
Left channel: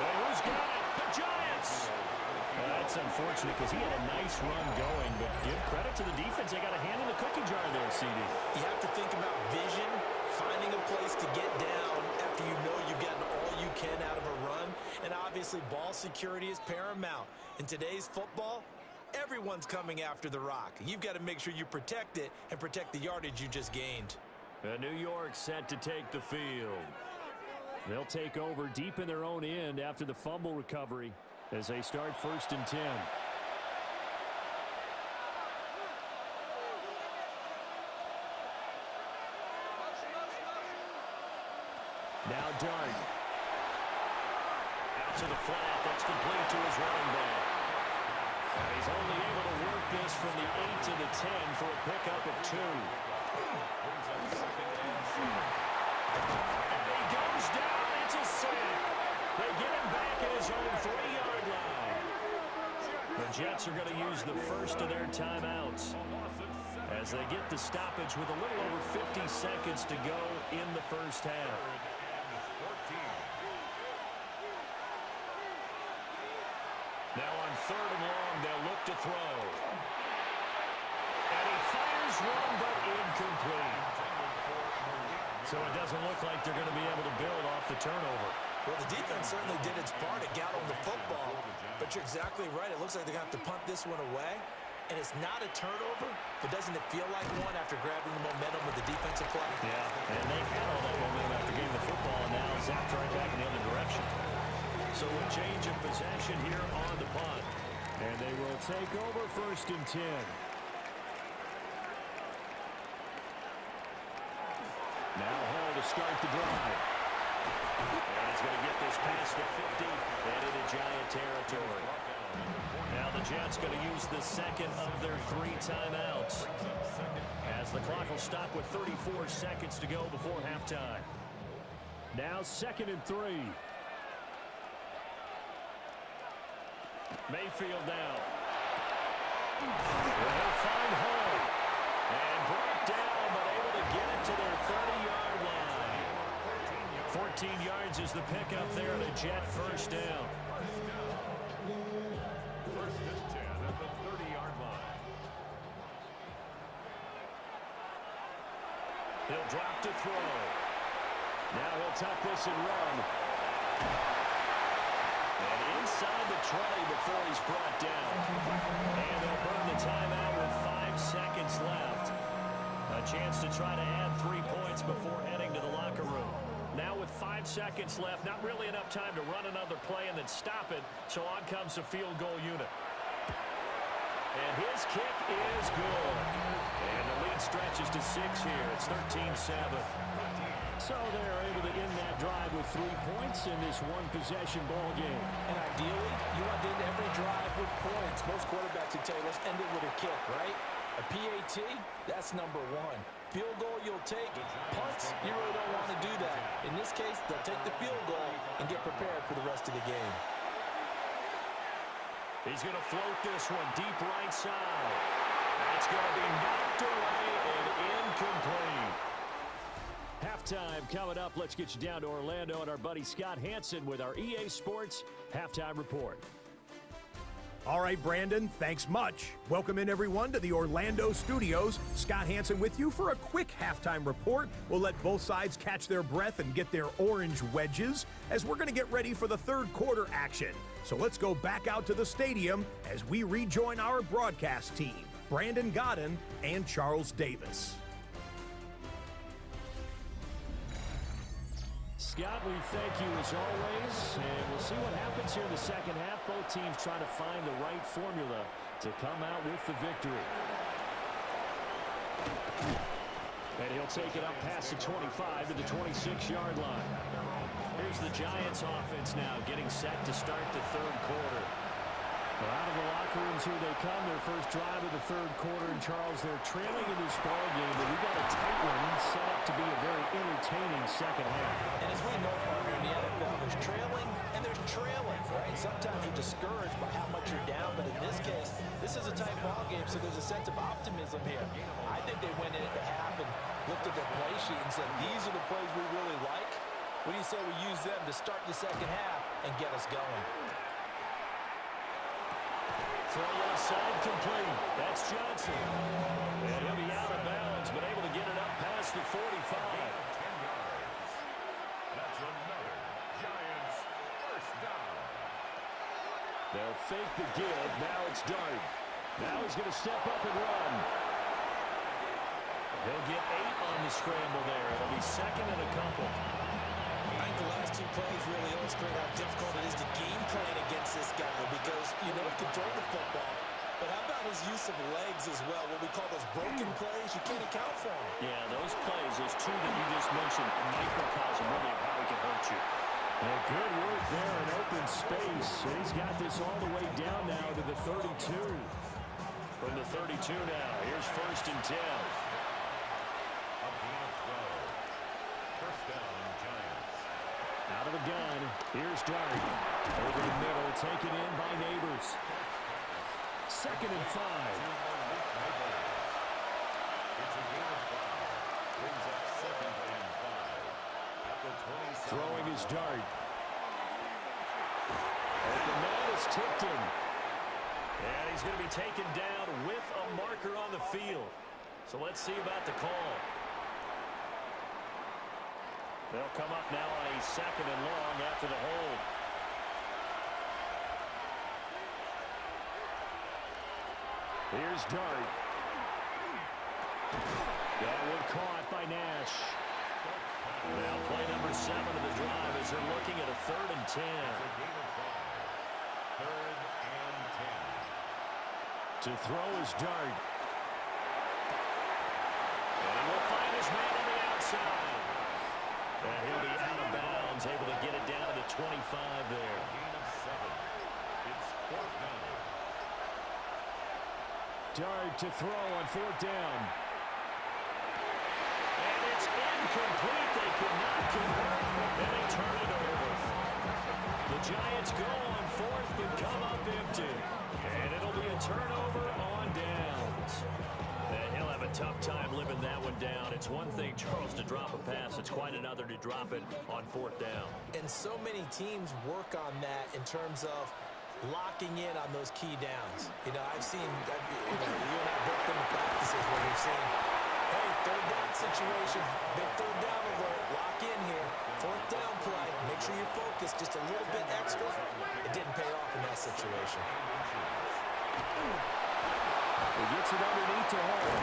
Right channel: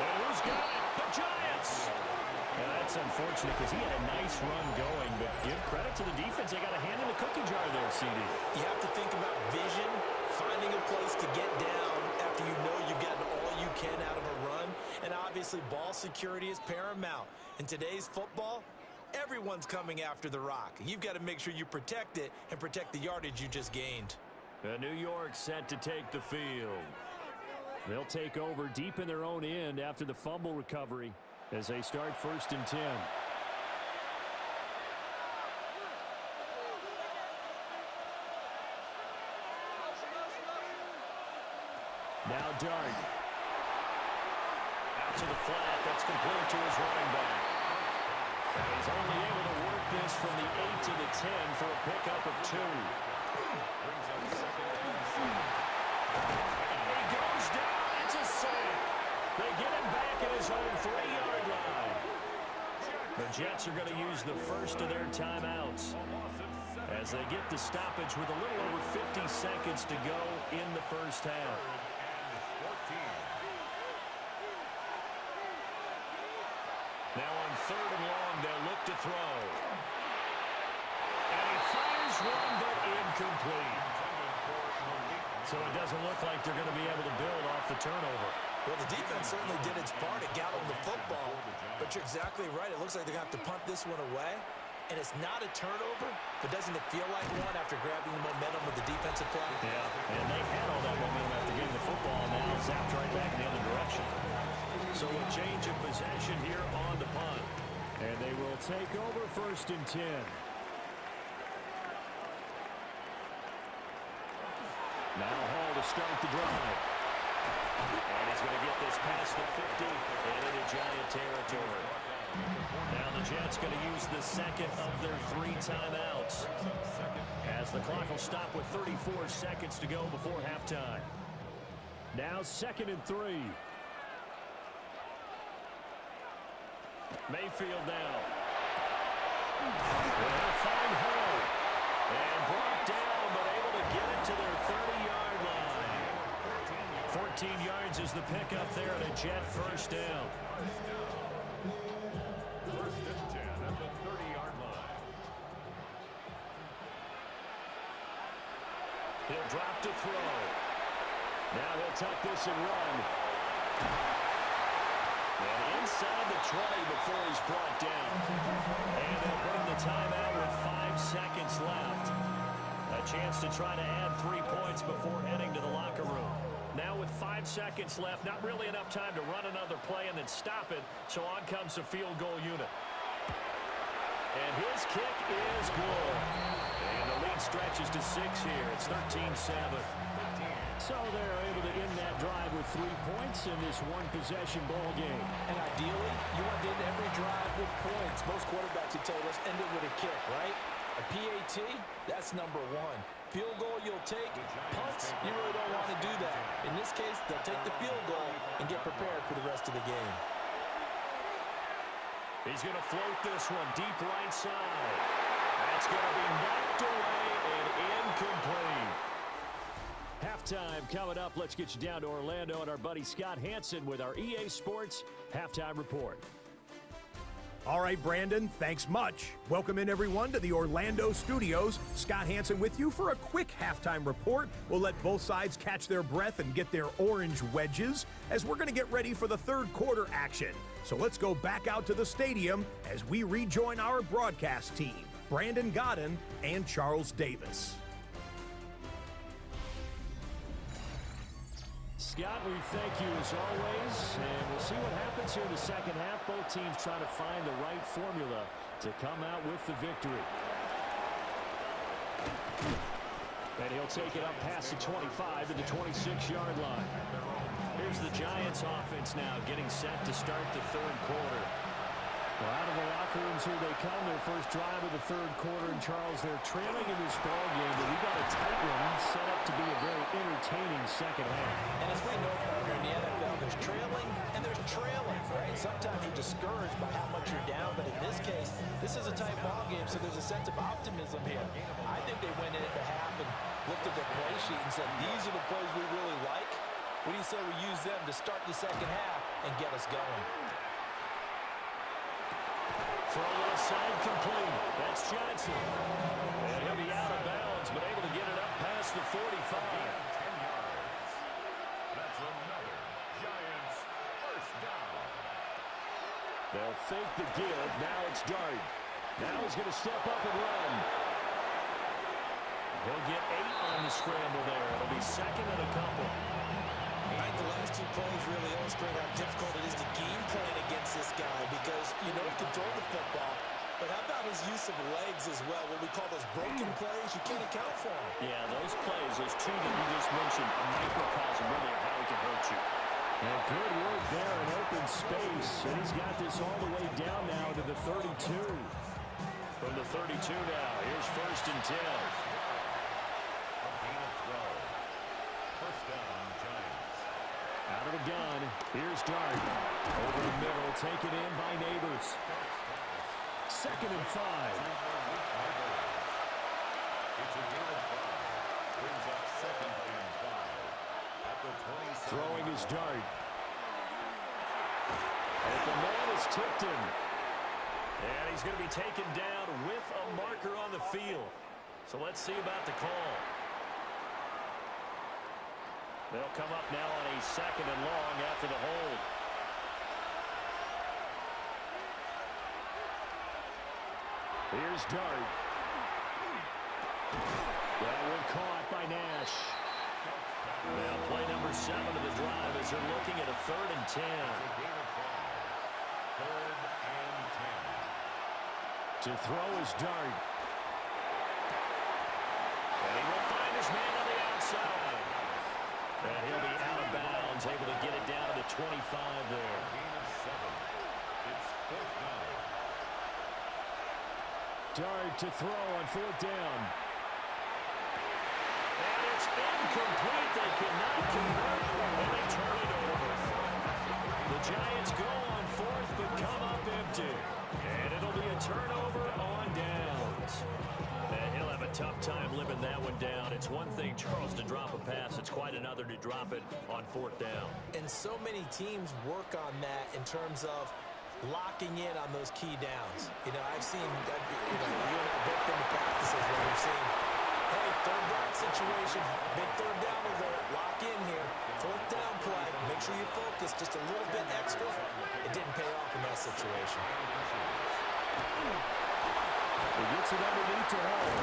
And who's got it? The Giants! That's unfortunate because he had a nice run going, but give credit to the defense. They got a hand in the cookie jar there, CD. You have to think about vision, finding a place to get down after you know you've gotten all you can out of a run. And obviously ball security is paramount. In today's football, everyone's coming after the rock. You've got to make sure you protect it and protect the yardage you just gained. New York set to take the field. They'll take over deep in their own end after the fumble recovery as they start 1st and 10. Now Dart. Out to the flat. That's complete to his running back. And he's only able to work this from the 8 to the 10 for a pickup of 2. Brings up 2nd and 7. And he goes down. It's a sack. They get him back at his own 3-yard line. The Jets are going to use the first of their timeouts as they get the stoppage with a little over 50 seconds to go in the first half. 3rd and 14. Now on 3rd and long, they'll look to throw. And he fires one, but incomplete. So it doesn't look like they're going to be able to build off the turnover. Well, the defense certainly did its part. It got on the football. But you're exactly right. It looks like they're going to have to punt this one away. And it's not a turnover, but doesn't it feel like one after grabbing the momentum with the defensive play? Yeah, and they had all that momentum after getting the football, and now zapped right back in the other direction. So a change of possession here on the punt. And they will take over 1st and 10. Now Hall to start the drive. And he's going to get this past the 50 and into Giant territory. Now the Jets going to use the second of their 3 timeouts as the clock will stop with 34 seconds to go before halftime. Now 2nd and 3. Mayfield now. Well, he'll find Hall. And brought down, but able to get it to their 30-yard line. 14 yards is the pickup there at a Jet first down. 1st and 10 at the 30-yard line. He'll drop to throw. Now he'll tuck this and run. And inside the 20 before he's brought down. And they'll burn the timeout with 5 seconds left. A chance to try to add 3 points before heading to the locker room. Now with 5 seconds left, not really enough time to run another play and then stop it, so on comes the field goal unit. And his kick is good. And the lead stretches to 6 here. It's 13-7. So they're able to end that drive with 3 points in this one-possession ball game. And ideally, you want to end every drive with points. Most quarterbacks would tell you, let's end it with a kick, right? A PAT, that's number 1. Field goal you'll take. Punts, you really don't want to do that. In this case, they'll take the field goal and get prepared for the rest of the game. He's going to float this one deep right side. That's going to be knocked away and incomplete. Halftime coming up. Let's get you down to Orlando and our buddy Scott Hansen with our EA Sports Halftime Report. All right, Brandon, thanks much. Welcome in, everyone, to the Orlando studios. Scott Hansen with you for a quick halftime report. We'll let both sides catch their breath and get their orange wedges as we're going to get ready for the third quarter action. So let's go back out to the stadium as we rejoin our broadcast team, Brandon Godden and Charles Davis. Scott, we thank you as always, and we'll see what happens here in the second half. Both teams trying to find the right formula to come out with the victory. And he'll take it up past the 25 to the 26-yard line. Here's the Giants offense now getting set to start the third quarter. Well, out of the locker rooms here they come. Their first drive of the third quarter. And Charles, they're trailing in this ball game, but we got a tight one set up to be a very entertaining second half. And as we know, partner, in the NFL, there's trailing and there's trailing, right? Sometimes you're discouraged by how much you're down, but in this case, this is a tight ball game, so there's a sense of optimism here. I think they went in at the half and looked at their play sheet and said, these are the plays we really like. What do you say we use them to start the second half and get us going? Throw left side complete. That's Johnson. And he'll be out of bounds, but able to get it up past the 45. 10 yards. That's another Giants first down. They'll fake the give. Now it's Dart. Now he's going to step up and run. He'll get 8 on the scramble there. It'll be second and a couple. I think the last 2 plays really illustrate how difficult it is to game plan against this guy because you know he can throw the football, but how about his use of legs as well? What we call those broken plays, you can't account for them. Yeah, those plays, those 2 that you just mentioned, a microcosm really of how he can hurt you. And good work there in open space, and he's got this all the way down now to the 32. From the 32 now, here's first and 10. A gain of 12. First down, Giants. Out of the gun, here's Dart. Over the middle, taken in by Neighbors. Second and 5. It's a gain of 5. Brings up second and 5. At the 27. Throwing his Dart. Open man is tipped him. And he's going to be taken down with a marker on the field. So let's see about the call. They'll come up now on a second and long after the hold. Here's Dart. That one caught by Nash. Now play number 7 of the drive as they're looking at a 3rd and 10. It's a gain of 5. 3rd and 10. To throw is Dart. And he will find his man on the outside. And he'll be out of bounds, able to get it down to the 25 there. Gain of 7. It's 4th down. Dart to throw on 4th down. And it's incomplete. They cannot convert, and they turn it over. The Giants go on 4th, but come up empty. And it'll be a turnover on downs. And he'll have a tough time living that one down. It's one thing, Charles, to drop a pass. It's quite another to drop it on 4th down. And so many teams work on that in terms of locking in on those key downs. You know, I've seen, you and I both been to practices where we've seen, hey, 3rd down situation, big 3rd down alert, lock in here. 4th down play, make sure you focus just a little bit extra. It it didn't pay off in that situation. He gets it underneath to Hall.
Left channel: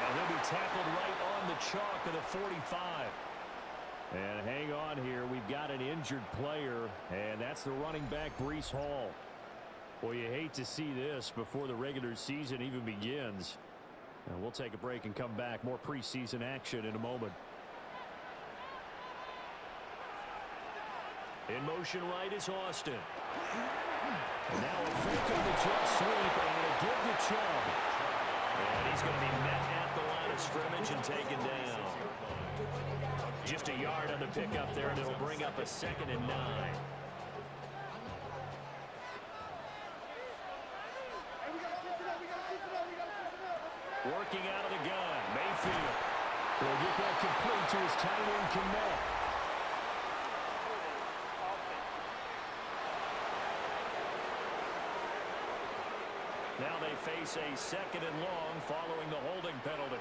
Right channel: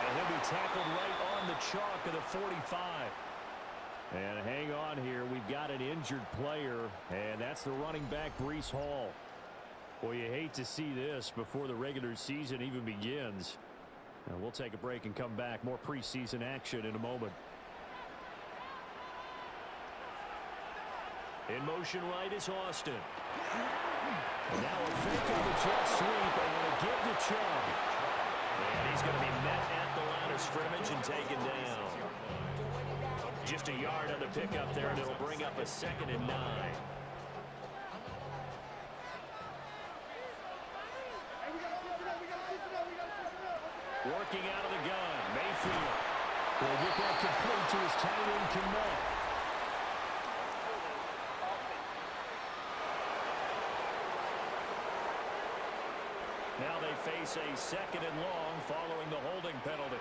And he'll be tackled right on the chalk of the 45. And hang on here. We've got an injured player, and that's the running back, Breece Hall. Well, you hate to see this before the regular season even begins. And we'll take a break and come back. More preseason action in a moment. In motion right is Austin. And now a fake on the jet sweep and a give to Chubb. And he's going to be met at the line of scrimmage and taken down. Just a yard on the pickup there, and it'll bring up a 2nd and 9. Working out of the gun, Mayfield will get that complete to his tight end, Kmet. Now they face a 2nd and long following the holding penalty.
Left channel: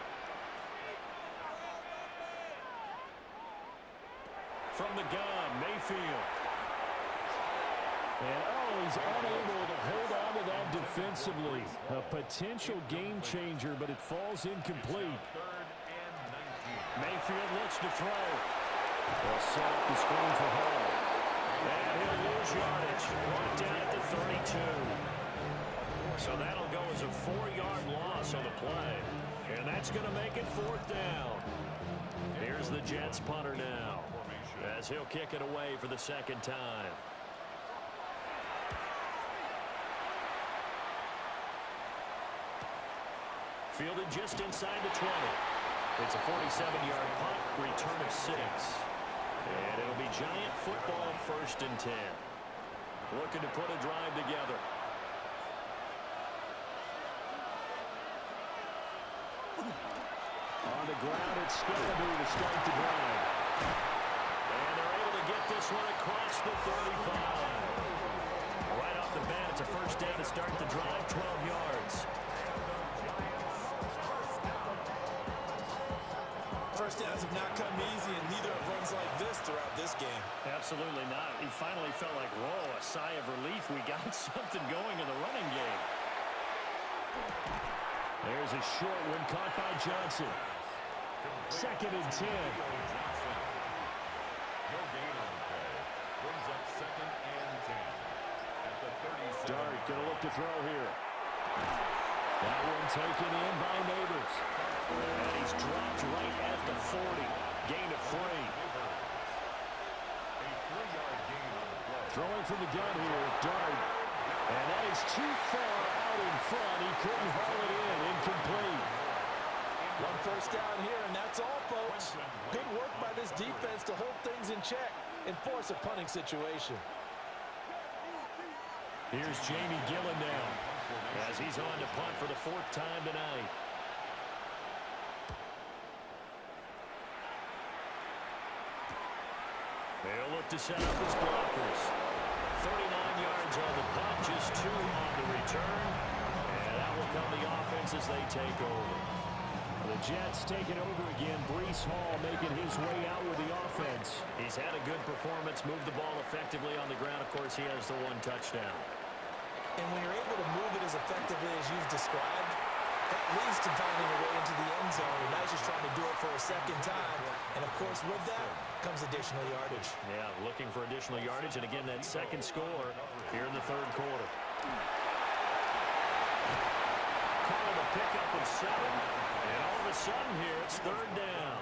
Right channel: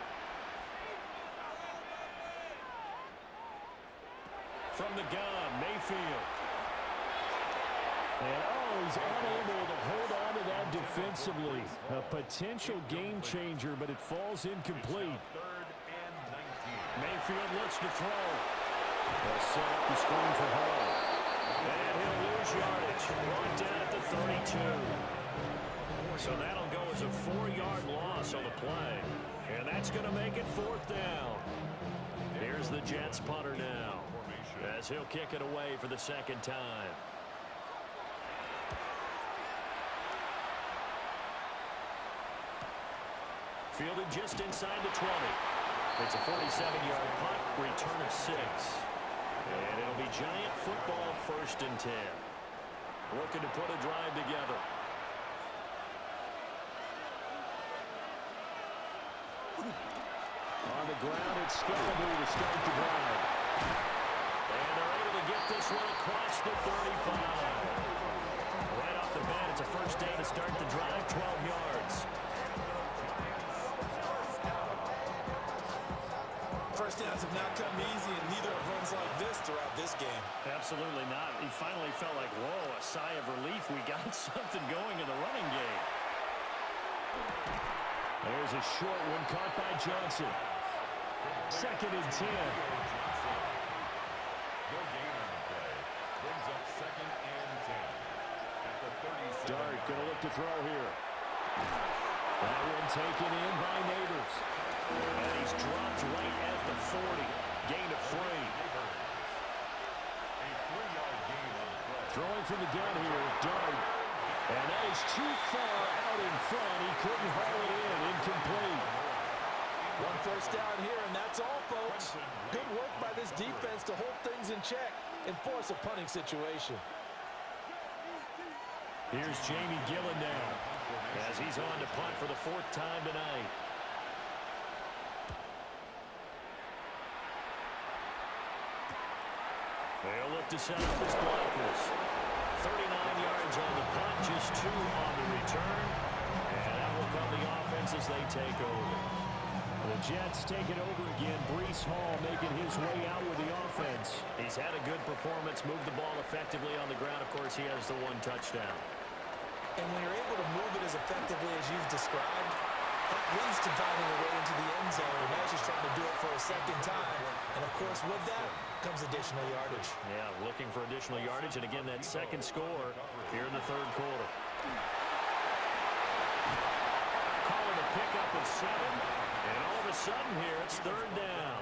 From the gun, Mayfield. And, he's unable to hold on to that defensively. A potential game changer, but it falls incomplete. Mayfield looks to throw. They'll set up the screen for Hall. And he'll lose yardage. Brought down at the 32. So that'll go as a 4-yard loss on the play. And that's going to make it 4th down. Here's the Jets punter now, as he'll kick it away for the 2nd time. Fielded just inside the 20. It's a 47-yard punt, return of 6. And it'll be Giant football, 1st and 10. Looking to put a drive together. On the ground, it's Scalaboo to start the drive. And they're able to get this one across the 35. Right off the bat, it's a 1st down to start the drive, 12 yards. First downs have not come easy, and neither have runs like this throughout this game. Absolutely not. He finally felt like, whoa, a sigh of relief. We got something going in the running game. There's a short one caught by Johnson. 2nd and 10. No gain on the play. Brings up 2nd and 10. At the 37. Dart going to look to throw here. That one taken in by Neighbors. And he's dropped right at the 40. Gain of 3. A 3-yard gain on the play. Throwing from the gun here, Dart. And that is too far out in front. He couldn't haul it in. Incomplete. 1 first down here, and that's all, folks. Good work by this defense to hold things in check and force a punting situation. Here's Jamie Gillen now, as he's on to punt for the 4th time tonight. They'll look to set up his blockers. 39 yards on the punt, just 2 on the return. And that will come the offense as they take over. The Jets taking over again. Breece Hall making his way out with the offense. He's had a good performance, moved the ball effectively on the ground. Of course, he has the 1 touchdown. And when you're able to move it as effectively as you've described, that leads to finding a way into the end zone. And now he's just trying to do it for a 2nd time. And, of course, with that comes additional yardage. Yeah, looking for additional yardage. And, again, that 2nd score here in the 3rd quarter. Calling a pickup of 7. And all of a sudden here, it's 3rd down.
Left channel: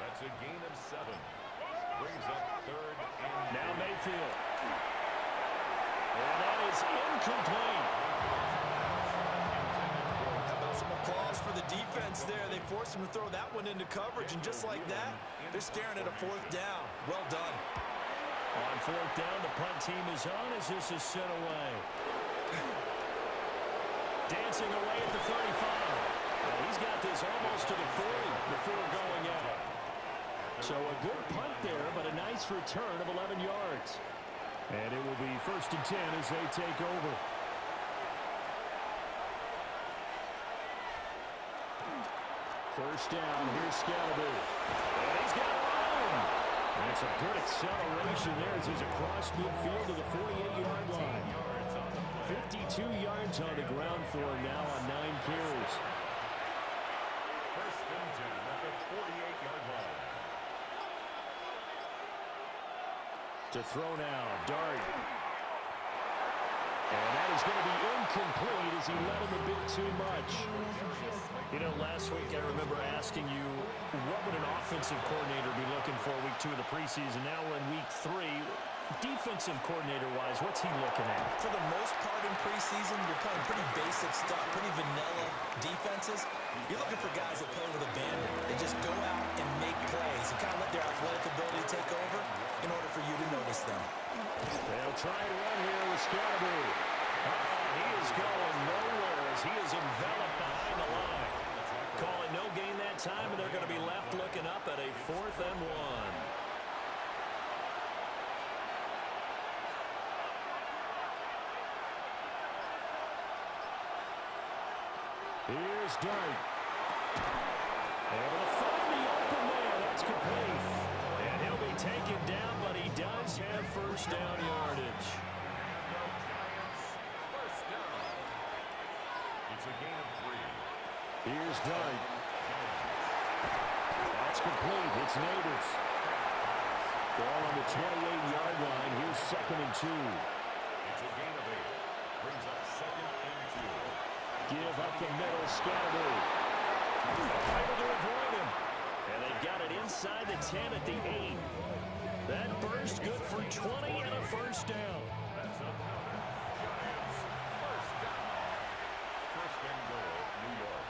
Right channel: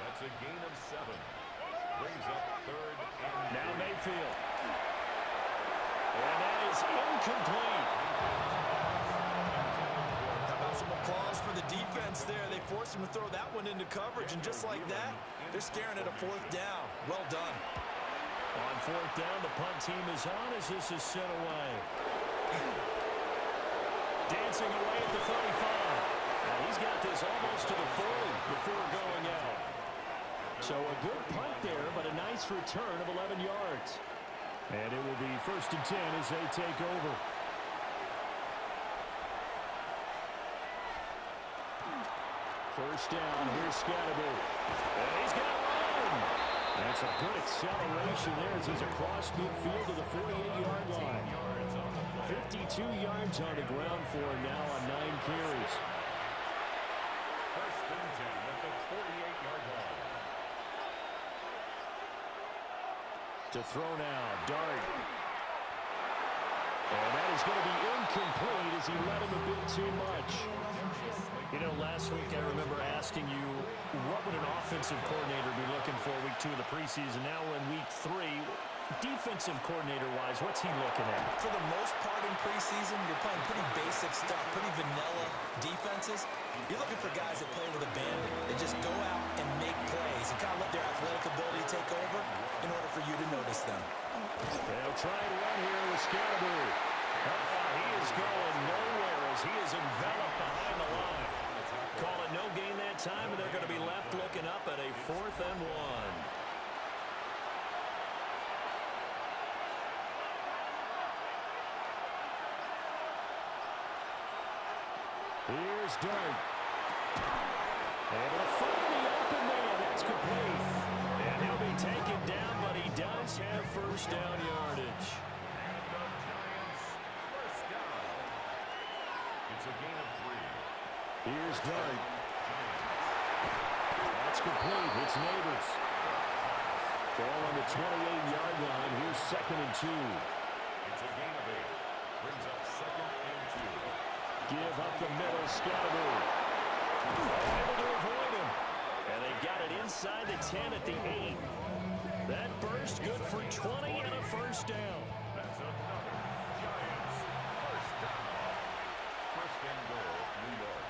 That's a gain of 7. Brings up 3rd and now Mayfield. And that is incomplete. How about some applause for the defense there? They forced him to throw that one into coverage, and just like that, they're staring at a 4th down. Well done. On 4th down, the punt team is on as this is sent away. Dancing away at the 35. He's got this almost to the 40 before going out. So a good punt there, but a nice return of 11 yards. And it will be 1st and 10 as they take over. First down, here's Scalaboo. And he's got room. That's a good acceleration there as he's across midfield to the 48-yard line. 52 yards on the ground for him now on 9 carries. First and 10 at the 48-yard line. To throw now, Dart. And that is going to be incomplete as he led him a bit too much. You know, last week I remember asking you, what would an offensive coordinator be looking for week 2 of the preseason? Now we're in week 3. Defensive coordinator-wise, what's he looking at? For the most part in preseason, you're playing pretty basic stuff, pretty vanilla defenses. You're looking for guys that play with abandon, that just go out and make plays and kind of let their athletic ability take over in order for you to notice them. They'll try and run here with Scatteroo. He is going nowhere as he is enveloped behind the line. Call it no gain that time, and they're going to be left looking up at a 4th and 1. Here's Dart. Able to find the open man. That's complete. And he'll be taken down, but he does have first down yardage. And the Giants first down. It's a gain of 3. Here's Dart. That's complete. It's Neighbors. Ball on the 28-yard line. Here's 2nd and 2. It's a gain of 8. Brings up 2nd and 2. Give up the middle, Scatteroo. Able to avoid him. And they've got it inside the 10 at the 8. That burst good for 20 and a first down. That's another Giants first down. First and goal, New York.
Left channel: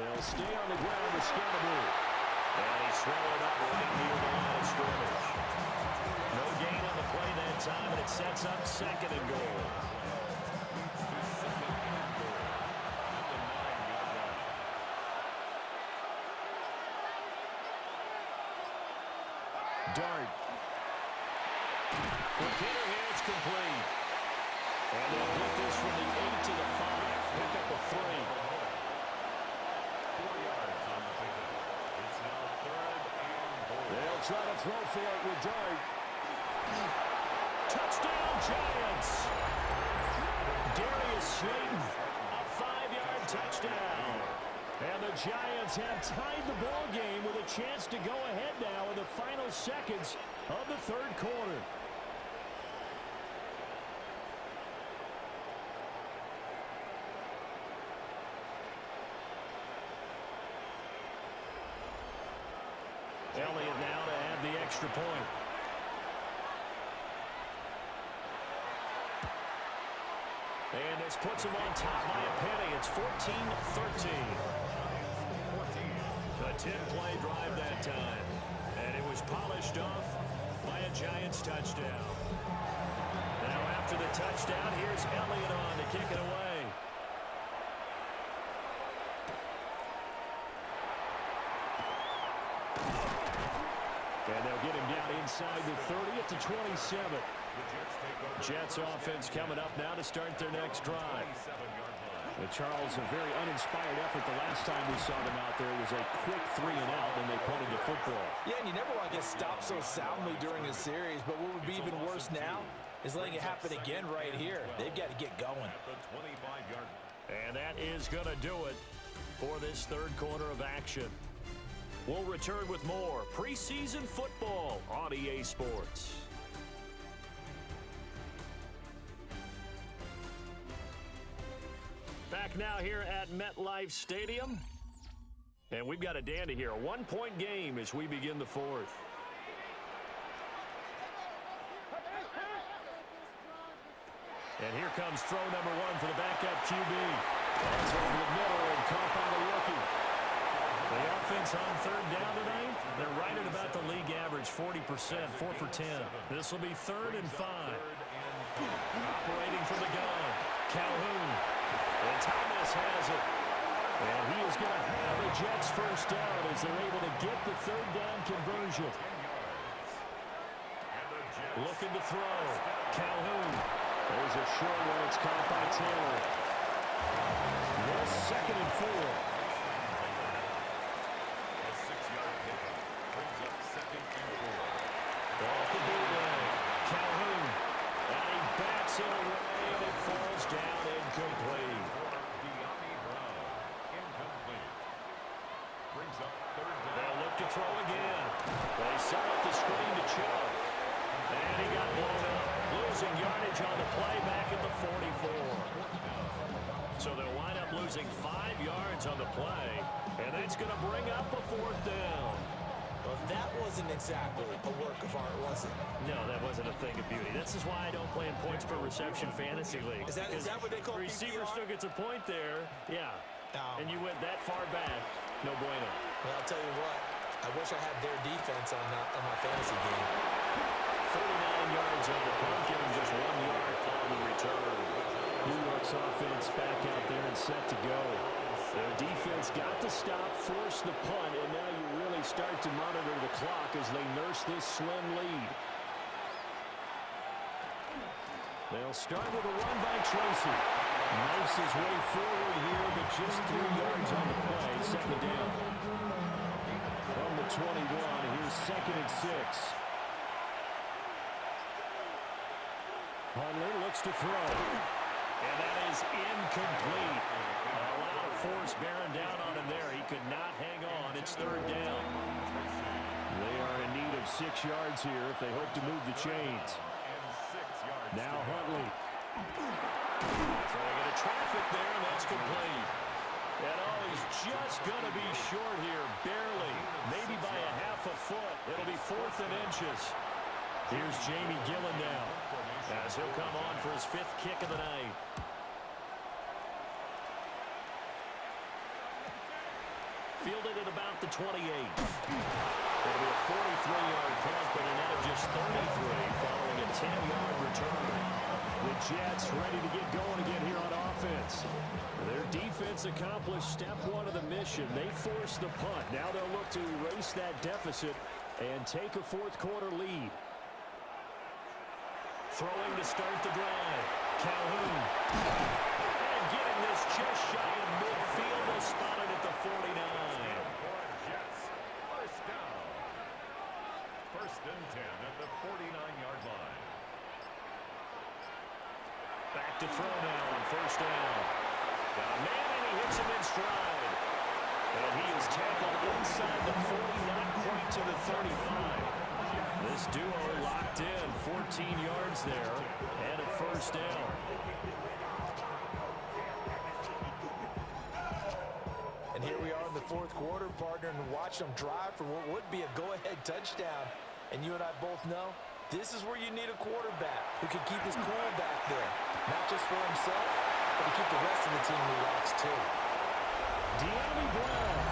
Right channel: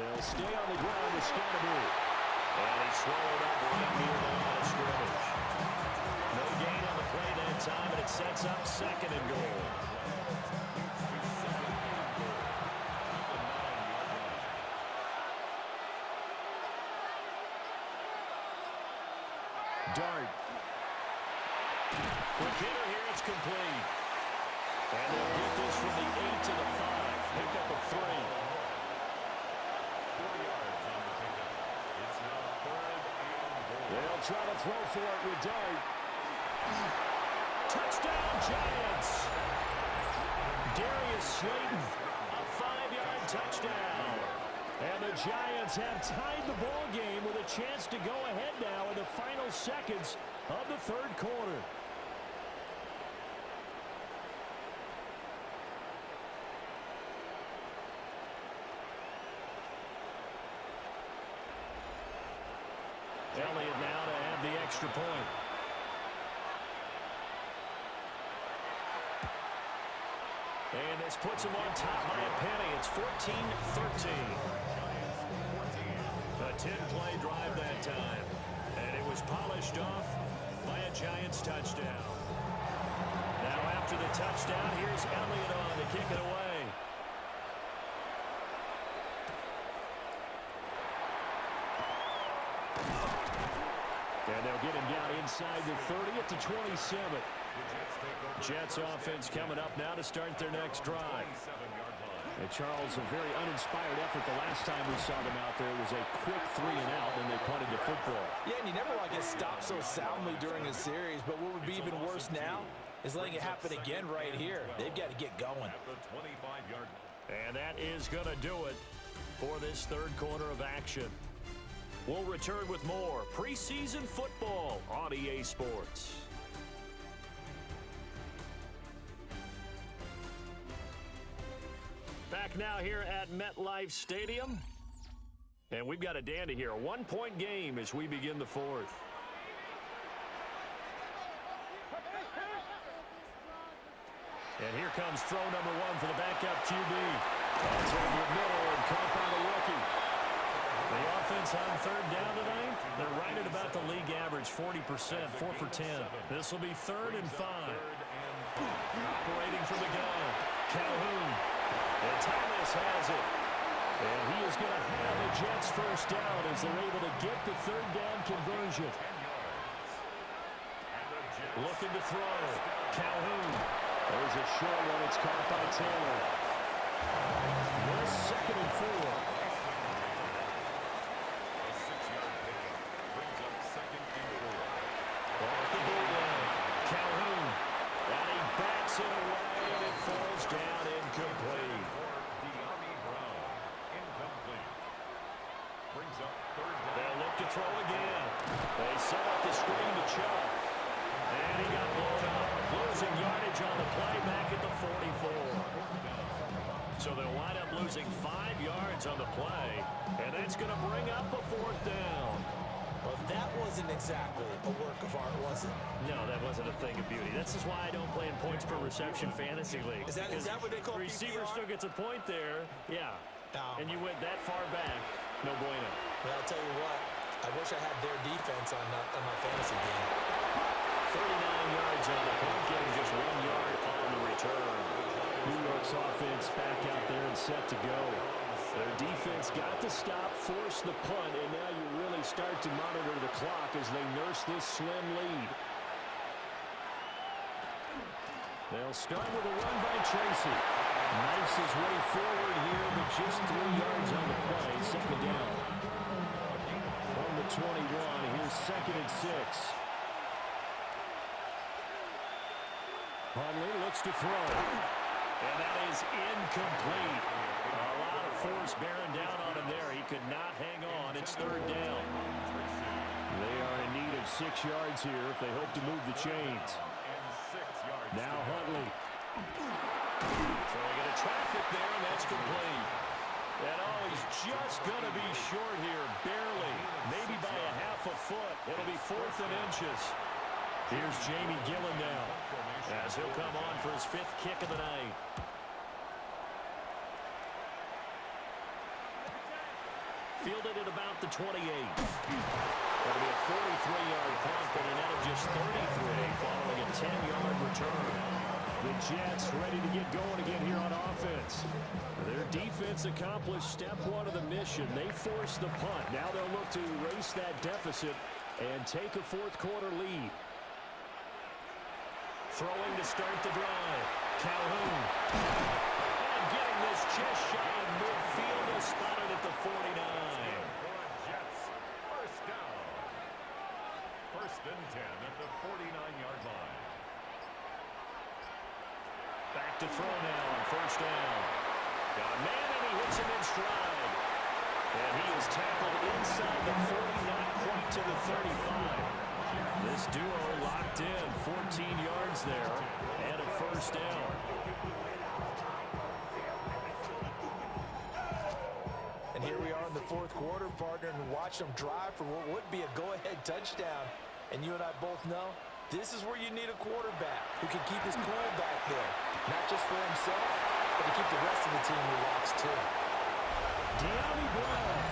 They'll stay on the ground with Scatteroo. And he's swallowed up right near the line of scrimmage. No gain on the play that time, and it sets up 2nd and goal. Dart. Quick hitter here, it's complete. And they'll get this from the 8 to the 5. Pick up a 3. 4 yards on the pickup. It's now 3rd and goal. They'll try to throw for it with Dart. Touchdown, Giants. Darius Slayton, a 5-yard touchdown. And the Giants have tied the ball game with a chance to go ahead now in the final seconds of the 3rd quarter. Elliott now to have the extra point. And this puts him on top by a penny. It's 14-13. A 10-play drive that time. And it was polished off by a Giants touchdown. Now after the touchdown, here's Elliott on to kick it away. And they'll get him down inside the 30 at the 27. Jets offense coming up now to start their next drive. And Charles, a very uninspired effort the last time we saw them out there. It was a quick 3 and out, and they punted the football. Yeah, and you never want to get stopped so soundly during a series, but what would be even worse now is letting it happen again right here. They've got to get going. And that is going to do it for this 3rd quarter of action. We'll return with more preseason football on EA Sports. Back now here at MetLife Stadium. And we've got a dandy here. A 1-point game as we begin the 4th. And here comes throw number 1 for the backup QB. That's over the middle and caught by the rookie. The offense on 3rd down tonight, they're right at about the league average, 40%, 4 for 10. This will be 3rd and 5. Operating from the gun, Calhoun. And Thomas has it. And he is going to have a Jets first down as they're able to get the 3rd down conversion. Looking to throw. Calhoun. There's a short one. It's caught by Taylor. This 2nd and 4. A 6-yard pickup brings Hits it away, and it falls down incomplete. Brings up third down. They'll look to throw again. They sell up the screen to Chubb. And he got blown up. Losing yardage on the play back at the 44. So they'll wind up losing 5 yards on the play. And that's going to bring up a 4th down. Well, that wasn't exactly a work of art, was it? No, that wasn't a thing of beauty. This is why I don't play in points per reception fantasy league. Is that what they call receiver PPR? still gets a point there. Yeah. And you went that far back. No bueno. Well, I'll tell you what. I wish I had their defense on my fantasy game. 39 yards on the punt, giving just 1 yard on the return. New York's offense back out there and set to go. Their defense got to stop, force the punt, and now you really start to monitor the clock as they nurse this slim lead. They'll start with a run by Tracy. Knifes his way forward here, but just 3 yards on the play. 2nd down. From the 21, here's 2nd and 6. Hundley looks to throw. And that is incomplete. A lot of force bearing down on him there. He could not hang on. It's 3rd down. They are in need of 6 yards here if they hope to move the chains. Now Hundley. Throwing into traffic there, and that's complete. And he's just going to be short here, barely. Maybe by a half a foot. It'll be 4th and inches. Here's Jamie Gillen now, as he'll come on for his 5th kick of the night. Fielded at about the 28. That'll be a 43-yard punt, but a net of just 33 following a 10-yard return. The Jets ready to get going again here on offense. Their defense accomplished step 1 of the mission. They forced the punt. Now they'll look to erase that deficit and take a 4th quarter lead. Throwing to start the drive. Calhoun. And getting this just shy of midfield. They'll spot it at the 49. Jets. 1st down. 1st and 10 at the 49-yard line. Back to throw now on 1st down. Got a man, and he hits him in stride. And he is tackled inside the 40, not quite to the 35. This duo locked in, 14 yards there, and a 1st down. And here we are in the 4th quarter, partner, and watch them drive for what would be a go-ahead touchdown. And you and I both know this is where you need a quarterback who can keep his cool back there. Not just for himself, but to keep the rest of the team relaxed, too. De'Ami Brown,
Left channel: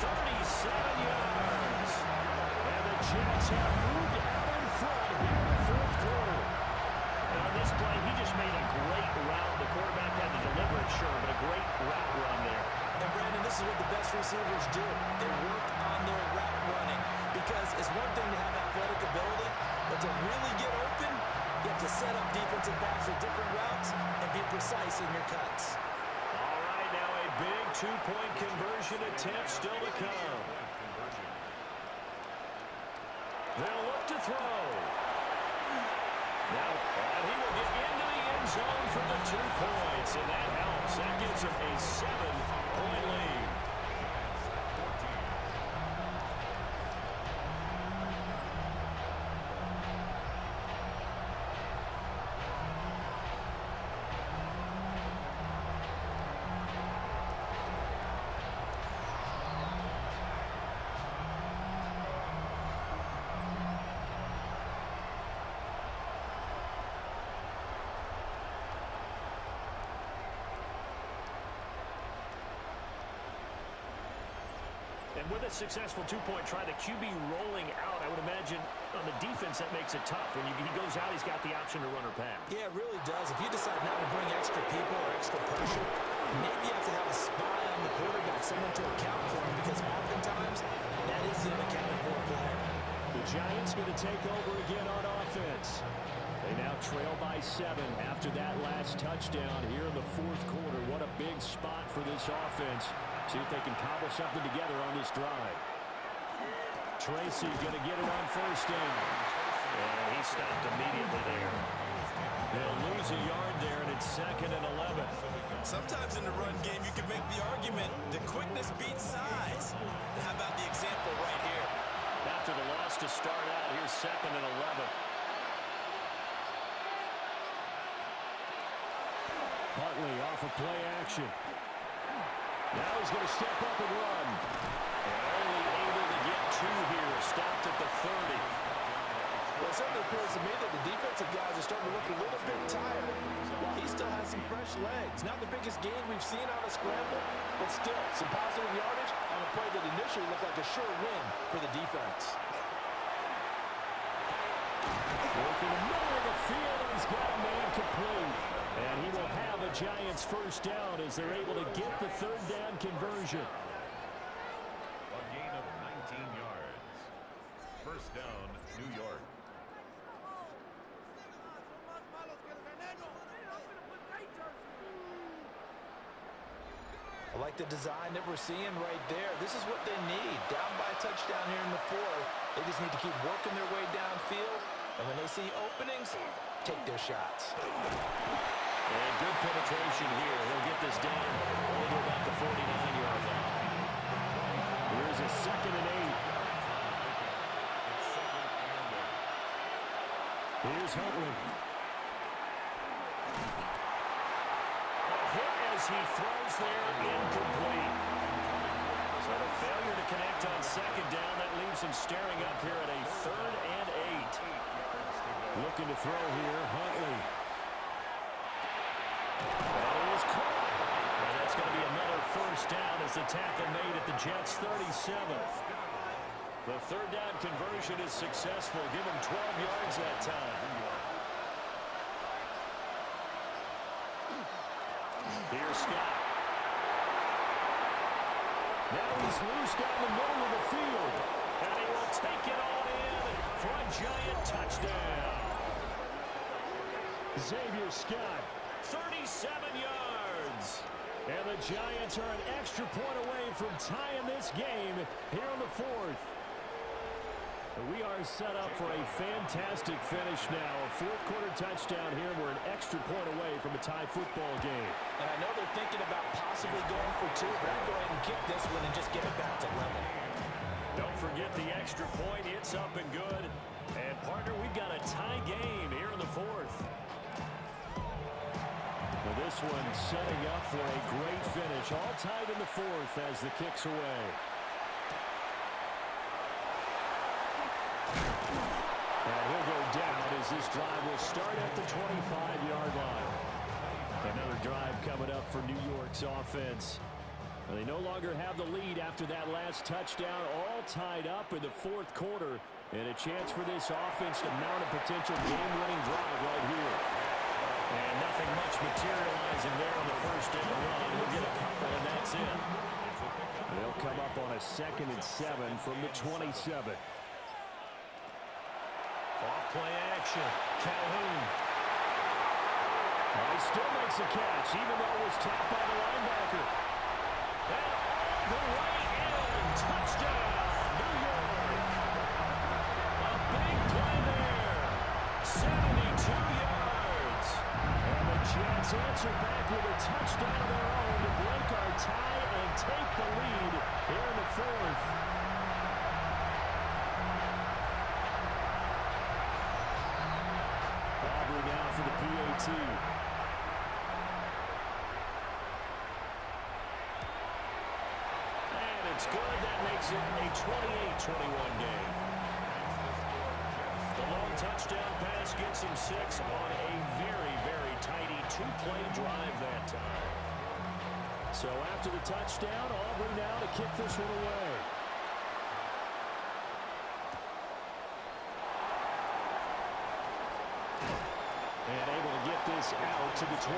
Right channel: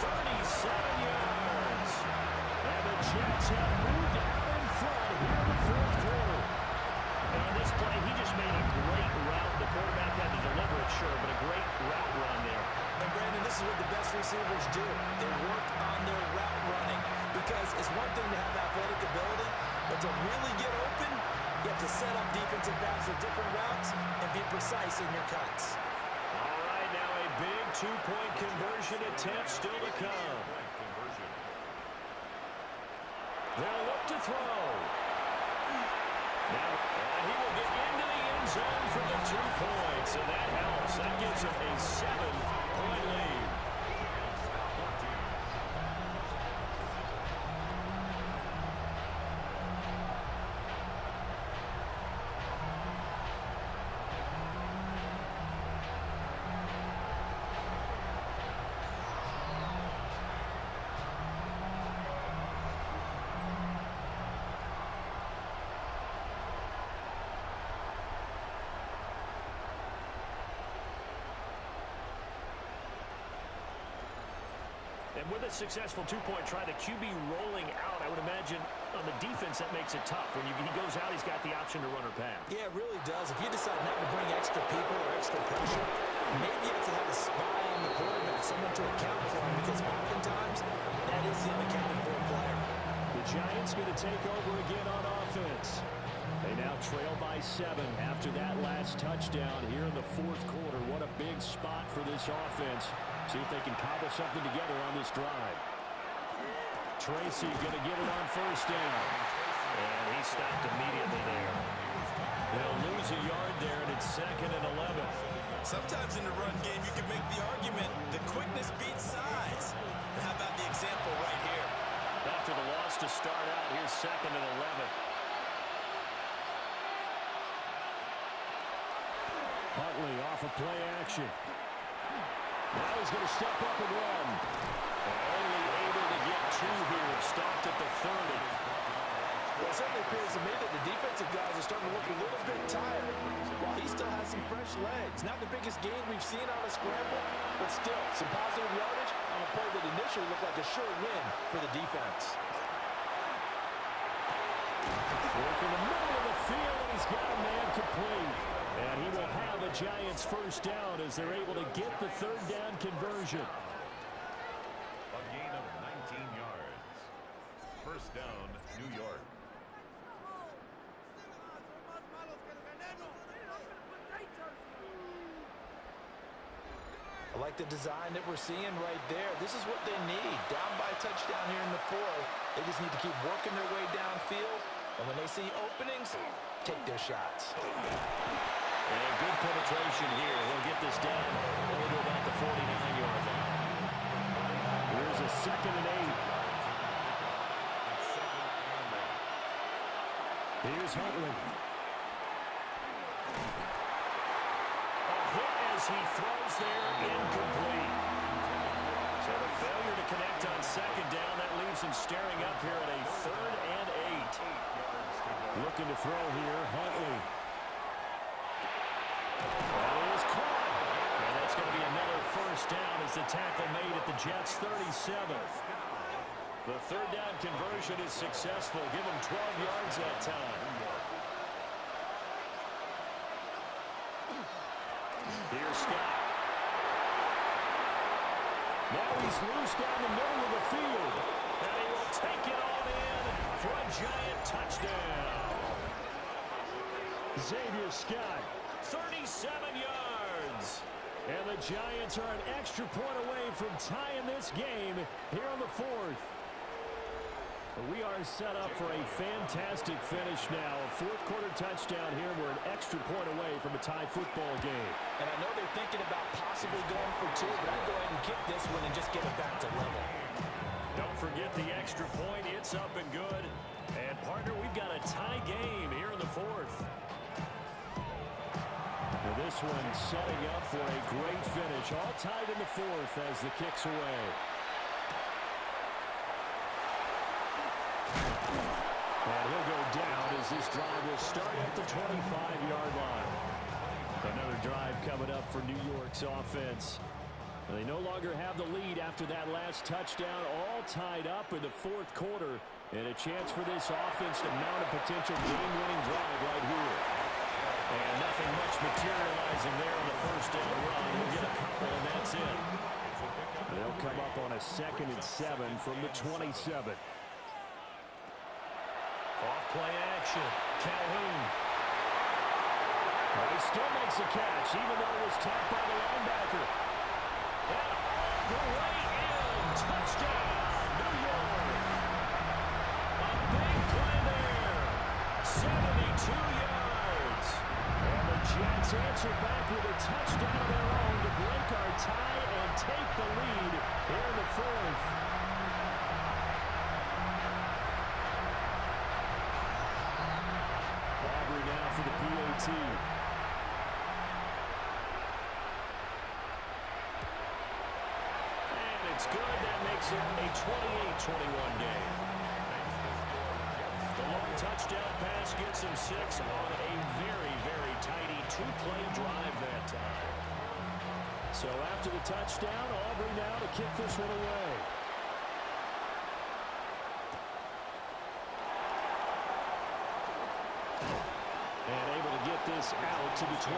37 yards. And the Jets have moved out in front here in the 4th quarter. And on this play, he just made a great route. The quarterback had to deliver it, sure, but a great route run there. And, Brandon, this is what the best receivers do. They work on their route running. Because it's one thing to have athletic ability, but to really get open, you have to set up defensive backs with different routes and be precise in your cuts. All right, now a big 2-point conversion attempt still to come. They'll look to throw. Now, and he will get into the end zone for the 2 points, and that helps. That gives him a 7-point lead. And with a successful 2-point try, the QB rolling out, I would imagine on the defense that makes it tough. When he goes out, he's got the option to run or pass. Yeah, it really does. If you decide not to bring extra people or extra pressure, maybe you have to have a spy on the quarterback, someone to account for him, because oftentimes that is the unaccounted for player. The Giants going to take over again on offense. They now trail by 7 after that last touchdown here in the 4th quarter. What a big spot for this offense. See if they can cobble something together on this drive. Tracy going to get it on 1st down. And he stopped immediately there. They'll lose a yard there, and it's 2nd and 11. Sometimes in the run game, you can make the argument that quickness beats size. And how about the example right here? After the loss to start out, here's 2nd and 11. Huntley off of play action. Now he's going to step up and run. And only able to get 2 here. Stopped at the 30. Well, it certainly appears to me that the defensive guys are starting to look a little bit tired while he still has some fresh legs. Not the biggest gain we've seen on a scramble, but still some positive yardage on a play that initially looked like a sure win for the defense. Working the middle of the field, and he's got a man complete. And he will have a Giants first down as they're able to get the 3rd down conversion. A gain of 19 yards. First down, New York. I like the design that we're seeing right there. This is what they need. Down by a touchdown here in the 4th. They just need to keep working their way downfield. And when they see openings, take their shots. And good penetration here. He'll get this down only to about the 49-yard line. Here's a 2nd and 8. Here's Huntley. As he throws there, incomplete. So the failure to connect on 2nd down, that leaves him staring up here at a 3rd and 8. Looking to throw here, Huntley. That is caught. And that's going to be another first down as the tackle made at the Jets' 37. The 3rd down conversion is successful. Give him 12 yards that time. Here's Scott. Now he's loose down the middle of the field. And he will take it on in for a Giant touchdown. Xavier Scott, 37 yards. And the Giants are an extra point away from tying this game here on the 4th. We are set up for a fantastic finish now. A 4th quarter touchdown here. We're an extra point away from a tie football game. And I know they're thinking about possibly going for 2, but I'd go ahead and kick this one and just get it back to level. Don't forget the extra point. It's up and good. And, partner, we've got a tie game here in the 4th. Now this one setting up for a great finish. All tied in the 4th as the kick's away. And he'll go down as this drive will start at the 25-yard line. Another drive coming up for New York's offense. And they no longer have the lead after that last touchdown, all tied up in the 4th quarter. And a chance for this offense to mount a potential game-winning drive right here. And nothing much materializing there on the first down run. He'll get a couple, and that's it. They'll come up on a 2nd and 7 from the 27. Off play action. Calhoun. Well, he still makes a catch, even though it was tapped by the linebacker. And all the way in. Touchdown, New York. A big play there. 72 yards. And the Jets answer back with a touchdown of their own to break our tie and take the lead here in the 4th. Aubrey now for the PAT. And it's good. That makes it a 28-21 game. The long touchdown pass gets him 6 on a very, very tidy 2-play drive that time. So after the touchdown, Aubrey now to kick this one away. And able to get this out to the 25.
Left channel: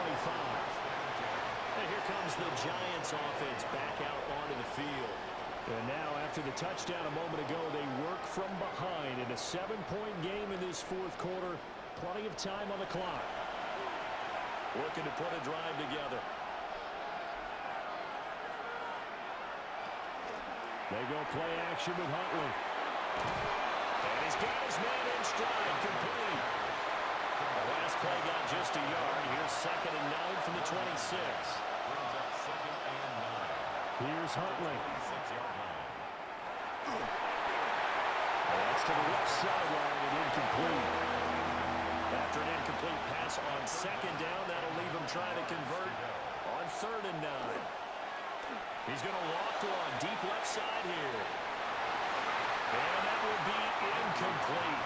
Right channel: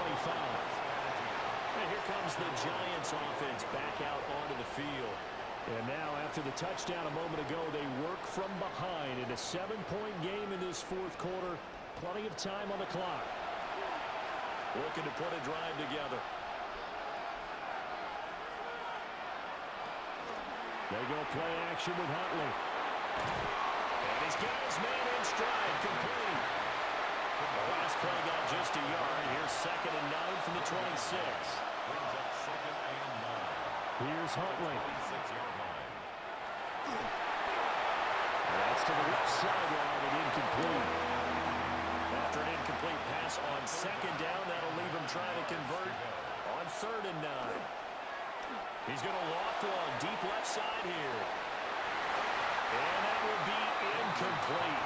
And here comes the Giants offense back out onto the field. And now after the touchdown a moment ago, they work from behind in a 7-point game in this 4th quarter. Plenty of time on the clock. Looking to put a drive together. They go play action with Huntley. And he's got his man in stride, complete. The last play got 2nd and 9 from the 26. Brings up 2nd and 9. Here's Huntley. 26-yard line. That's to the left sideline and incomplete. After an incomplete pass on 2nd down, that'll leave him trying to convert on 3rd and 9. He's going to loft one deep left side here. And that will be incomplete.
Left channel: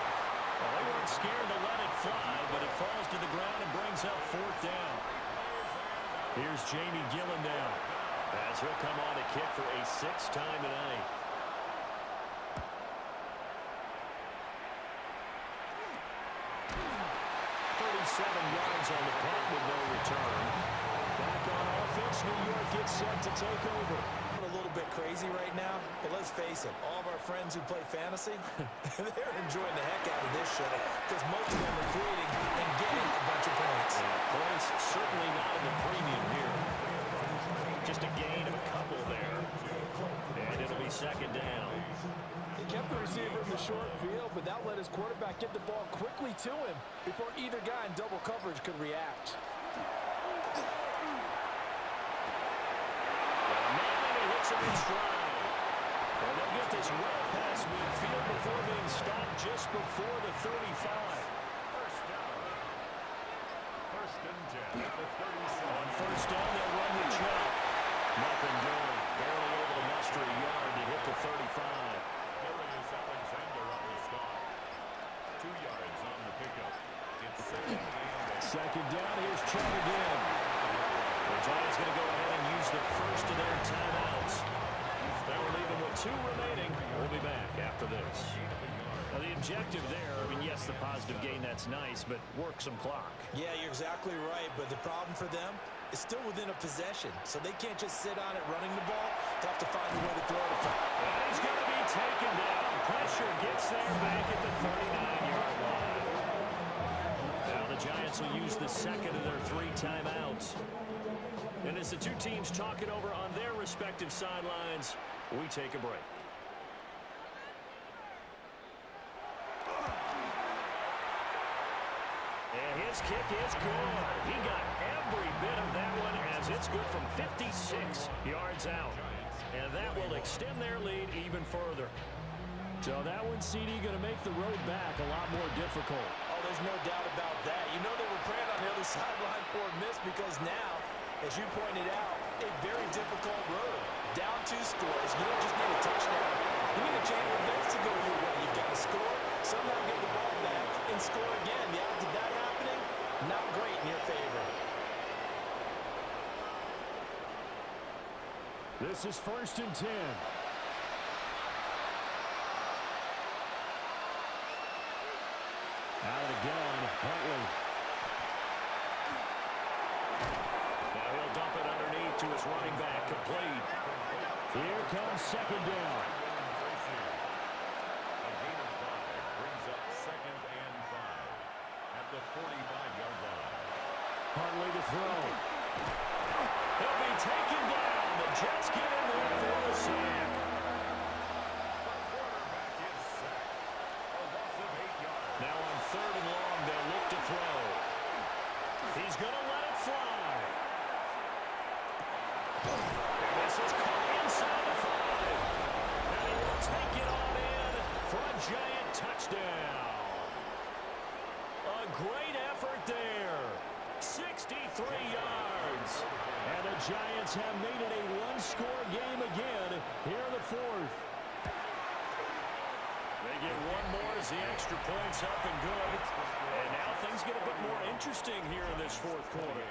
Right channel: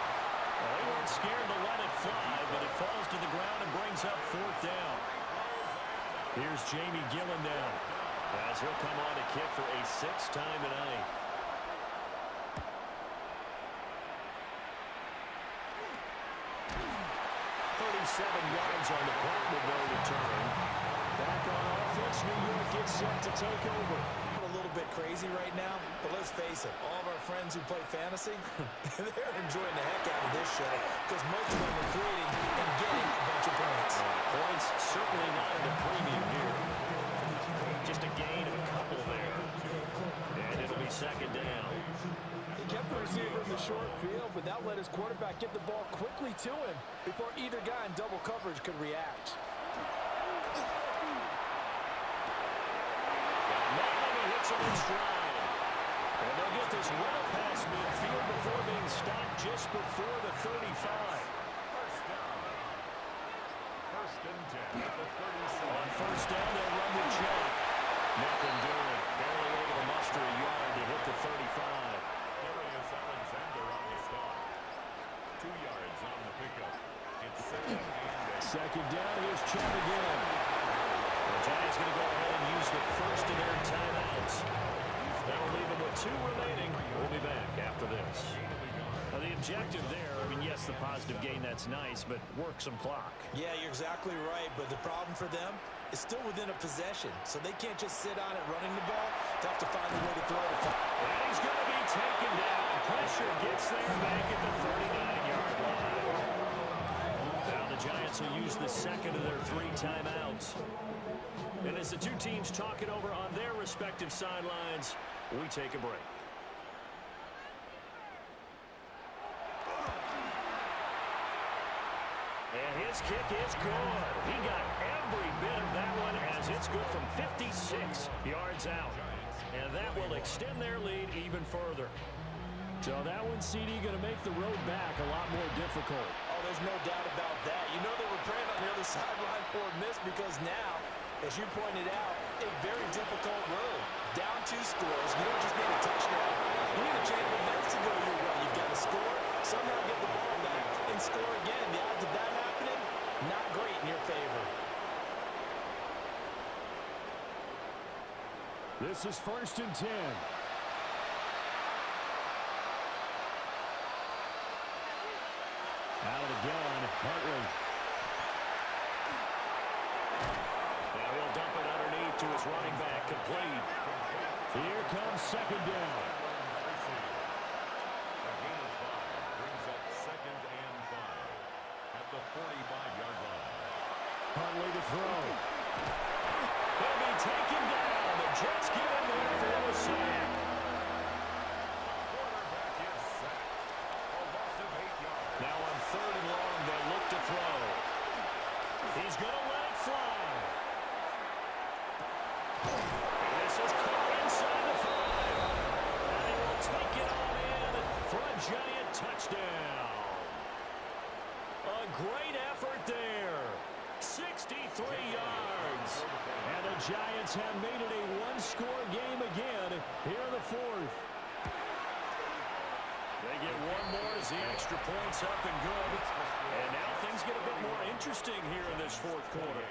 Well, they weren't scared to let it fly, but it falls to the ground and brings up 4th down. Here's Jamie Gillen now, as he'll come on to kick for a 6th time tonight. yards on the punt with no return. Back on offense, New York gets set to take over. A little bit crazy right now, but let's face it, all of our friends who play fantasy, they're enjoying the heck out of this show because most of them are creating and getting a bunch of points. Points certainly not at a premium here. Just a gain of a couple there. And it'll be 2nd down. He kept the receiver in the short field, but that let his quarterback get the ball quickly to him before either guy in double coverage could react. Got a man and he hits him in stride. And they'll get this well past midfield before being stopped just before the 35. First down. 1st and 10 at the 37. On 1st down, they'll run with Chubb. Nothing doing. Barely able to muster a yard to hit the 35. Darius Alexander on the stop. 2 yards on the pickup. It's 2nd and 8. 2nd down, here's Chubb again. The Giants going to go ahead and use the first of their timeouts. That'll leave them with 2 remaining. We'll be back after this. Now, the objective there, I mean, yes, the positive gain, that's nice, but work some clock. Yeah, you're exactly right, but the problem for them is still within a possession, so they can't just sit on it running the ball. They have to find a way to throw it. And he's going to be taken down. Pressure gets there back at the 39-yard line. Now the Giants will use the 2nd of their 3 timeouts. And as the 2 teams talk it over on their respective sidelines, we take a break. And his kick is good. He got every bit of that one as it's good from 56 yards out. And that will extend their lead even further. So that one, CD, going to make the road back a lot more difficult. Oh, there's no doubt about that. You know they were praying on the other sideline for a miss because now, as you pointed out, a very difficult road. Down 2 scores. You don't just need a touchdown. You need a chain of events to go your way. You've got to score, somehow get the ball back, and score again. The odds of that happening, not great in your favor. This is 1st and 10. Out of the gun, Huntley. Now he'll dump it underneath to his running back, complete. Here comes 2nd down. A gain of 5 brings up 2nd and 5 at the 45-yard line. Huntley to throw. He'll be taken down. The Jets get in there for the sack. The quarterback is sacked. A loss of 8 yards. Now on 3rd and long, they'll look to throw. He's going to let it fly. And this is caught inside the 5. And he will take it on in for a Giant touchdown. A great effort there. 63 yards. And the Giants have made it a 1-score game again here in the 4th. They get one more as the extra point's up and good. And now things get a bit more interesting here in this 4th quarter.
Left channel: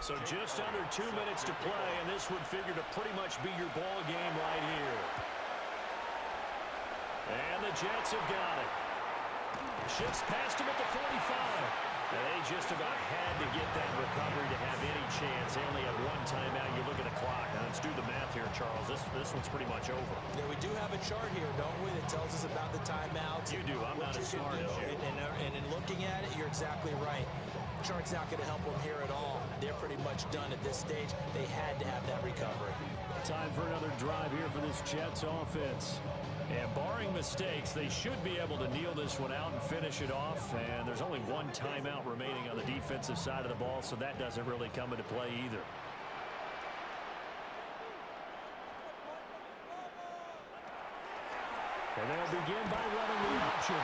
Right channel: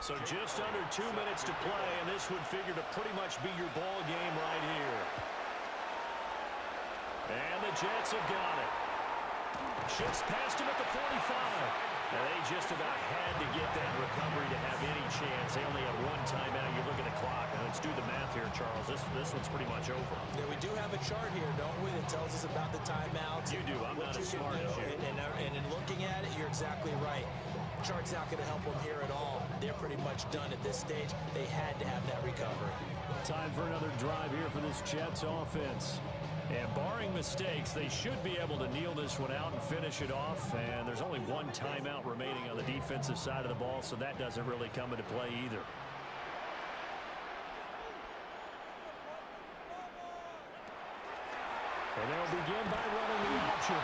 So just under 2 minutes to play, and this would figure to pretty much be your ball game right here. And the Jets have got it. Shifts past him at the 45. Now, they just about had to get that recovery to have any chance. They only have 1 timeout. You look at the clock. Now, let's do the math here, Charles. This one's pretty much over. Yeah, we do have a chart here, don't we, that tells us about the timeouts. You do. I'm not as smart as you. And in looking at it, you're exactly right. Chart's not going to help them here at all. They're pretty much done at this stage. They had to have that recovery. Time for another drive here for this Jets offense. And barring mistakes, they should be able to kneel this one out and finish it off. And there's only one timeout remaining on the defensive side of the ball, so that doesn't really come into play either. And they'll begin by running the option.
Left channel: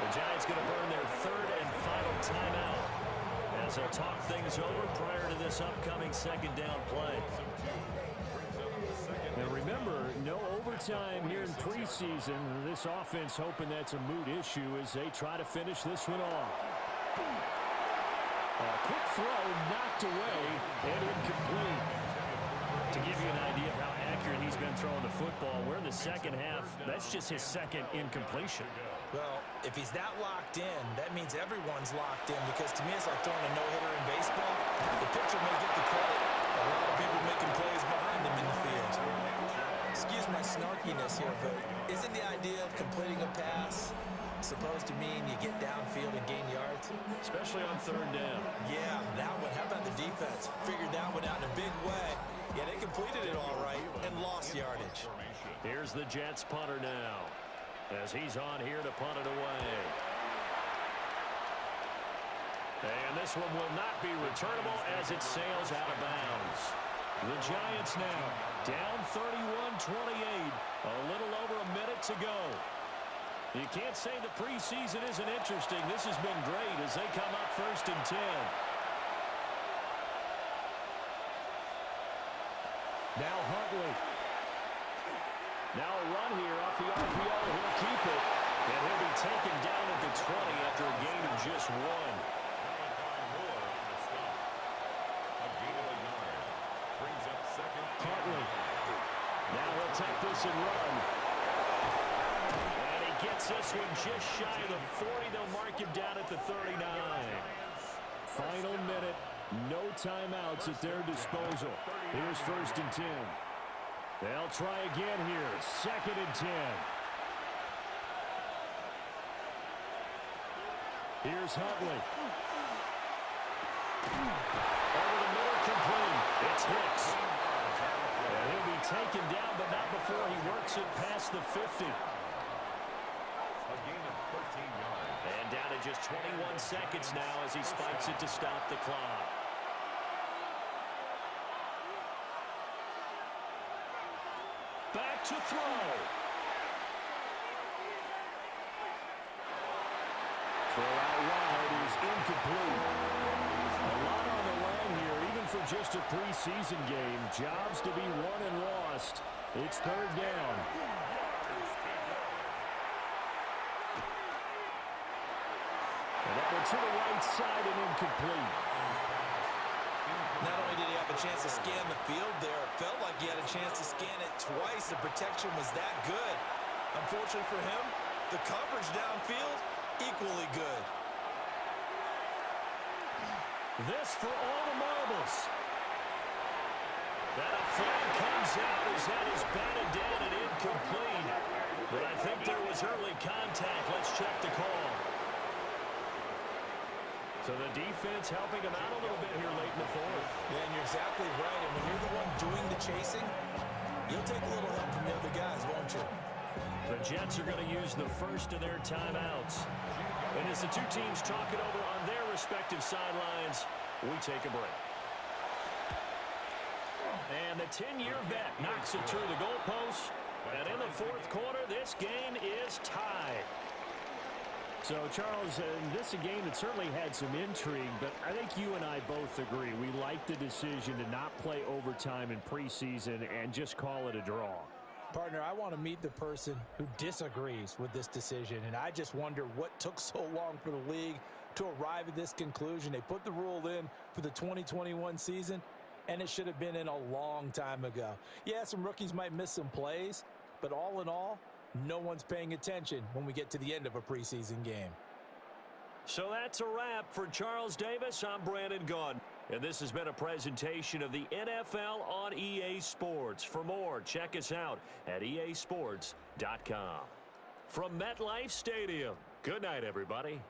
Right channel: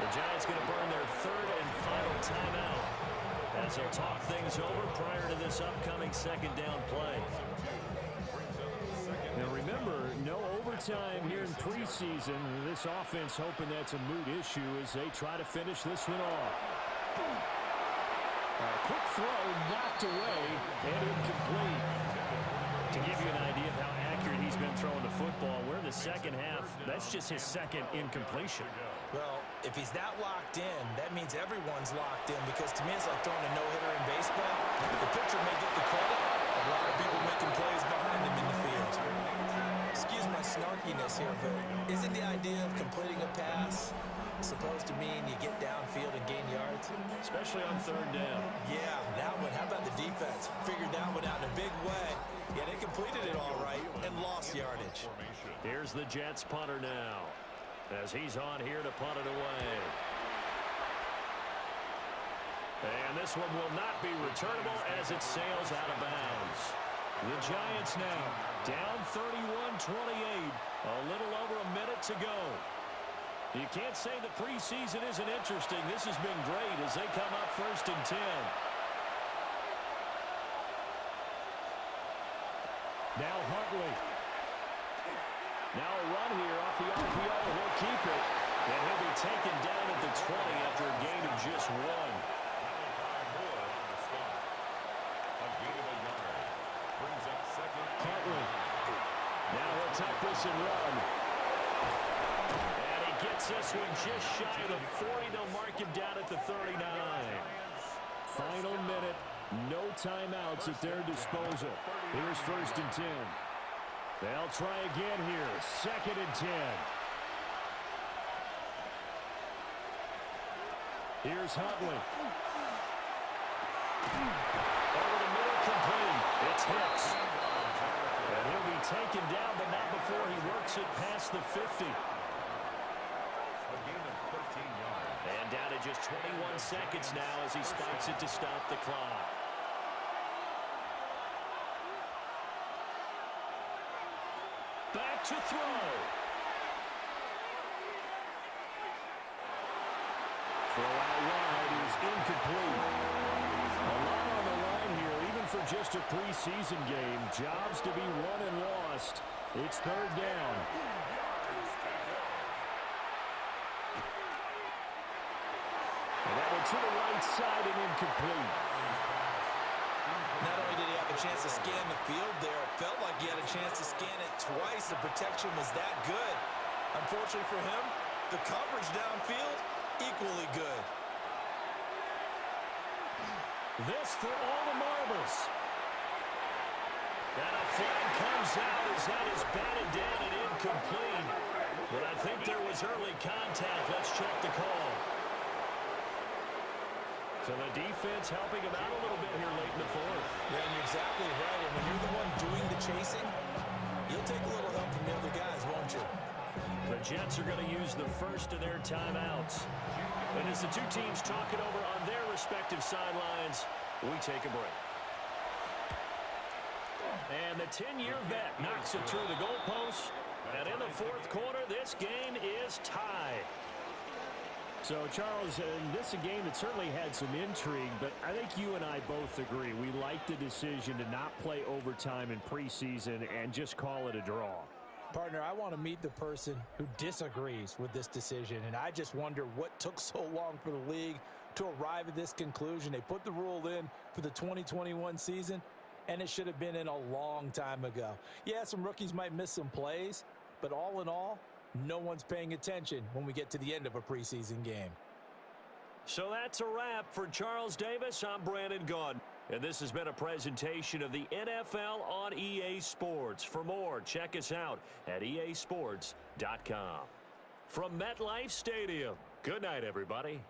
The Giants going to burn their third and final timeout as they'll talk things over prior to this upcoming second down play. Now remember, no overtime here in preseason. This offense hoping that's a moot issue as they try to finish this one off. A quick throw knocked away and incomplete. To give you an idea of how accurate he's been throwing the football, we're in the second half. That's just his second incompletion. Well, if he's that locked in, that means everyone's locked in, because to me it's like throwing a no-hitter in baseball. The pitcher may get the credit. A lot of people making plays behind him in the field. Excuse my snarkiness here, but isn't the idea of completing a pass supposed to mean you get downfield and gain yards? Especially on third down. Yeah, that one. How about the defense? Figured that one out in a big way. Yeah, they completed it all right and lost yardage. Here's the Jets punter now as he's on here to punt it away. And this one will not be returnable as it sails out of bounds. The Giants now down 31-28. A little over a minute to go. You can't say the preseason isn't interesting. This has been great as they come up 1st and 10. Now Huntley. Now a run here off the RPO. He'll keep it. And he'll be taken down at the 20 after a gain of just 1. Huntley. Now he'll tuck this and run. And he gets this one just shy of the 40. They'll mark him down at the 39. Final minute. No timeouts at their disposal. Here's 1st and 10. They'll try again here. 2nd and 10. Here's Huntley. Over the middle, complete. It's Hicks. And he'll be taken down, but not before he works it past the 50. A gain of 13 yards. And down to just 21 seconds now as he spikes it to stop the clock. Back to throw. Throw out wide is incomplete. A lot on the line here, even for just a preseason game. Jobs to be won and lost. It's 3rd down. And that one to the right side and incomplete. Not only did he have a chance to scan the field there, it felt like he had a chance to scan it twice. The protection was that good. Unfortunately for him, the coverage downfield, equally good. This for all the marbles. And a flag comes out as that is batted down and incomplete. But I think there was early contact. Let's check the call. So the defense helping him out a little bit here late in the 4th. Yeah, and you're exactly right. And when you're the one doing the chasing, you'll take a little help from the other guys, won't you? The Jets are going to use the first of their timeouts. And as the two teams talk it over on their respective sidelines, we take a break. And the 10-year vet knocks it through the goalpost. And in the 4th quarter, this game is tied. So, Charles, this is a game that certainly had some intrigue, but I think you and I both agree. We like the decision to not play overtime in preseason and just call it a draw. Partner, I want to meet the person who disagrees with this decision, and I just wonder what took so long for the league to arrive at this conclusion. They put the rule in for the 2021 season, and it should have been in a long time ago. Yeah, some rookies might miss some plays, but all in all, no one's paying attention when we get to the end of a preseason game. So that's a wrap for Charles Davis. I'm Brandon Gaudin. And this has been a presentation of the NFL on EA Sports. For more, check us out at easports.com. From MetLife Stadium, good night, everybody.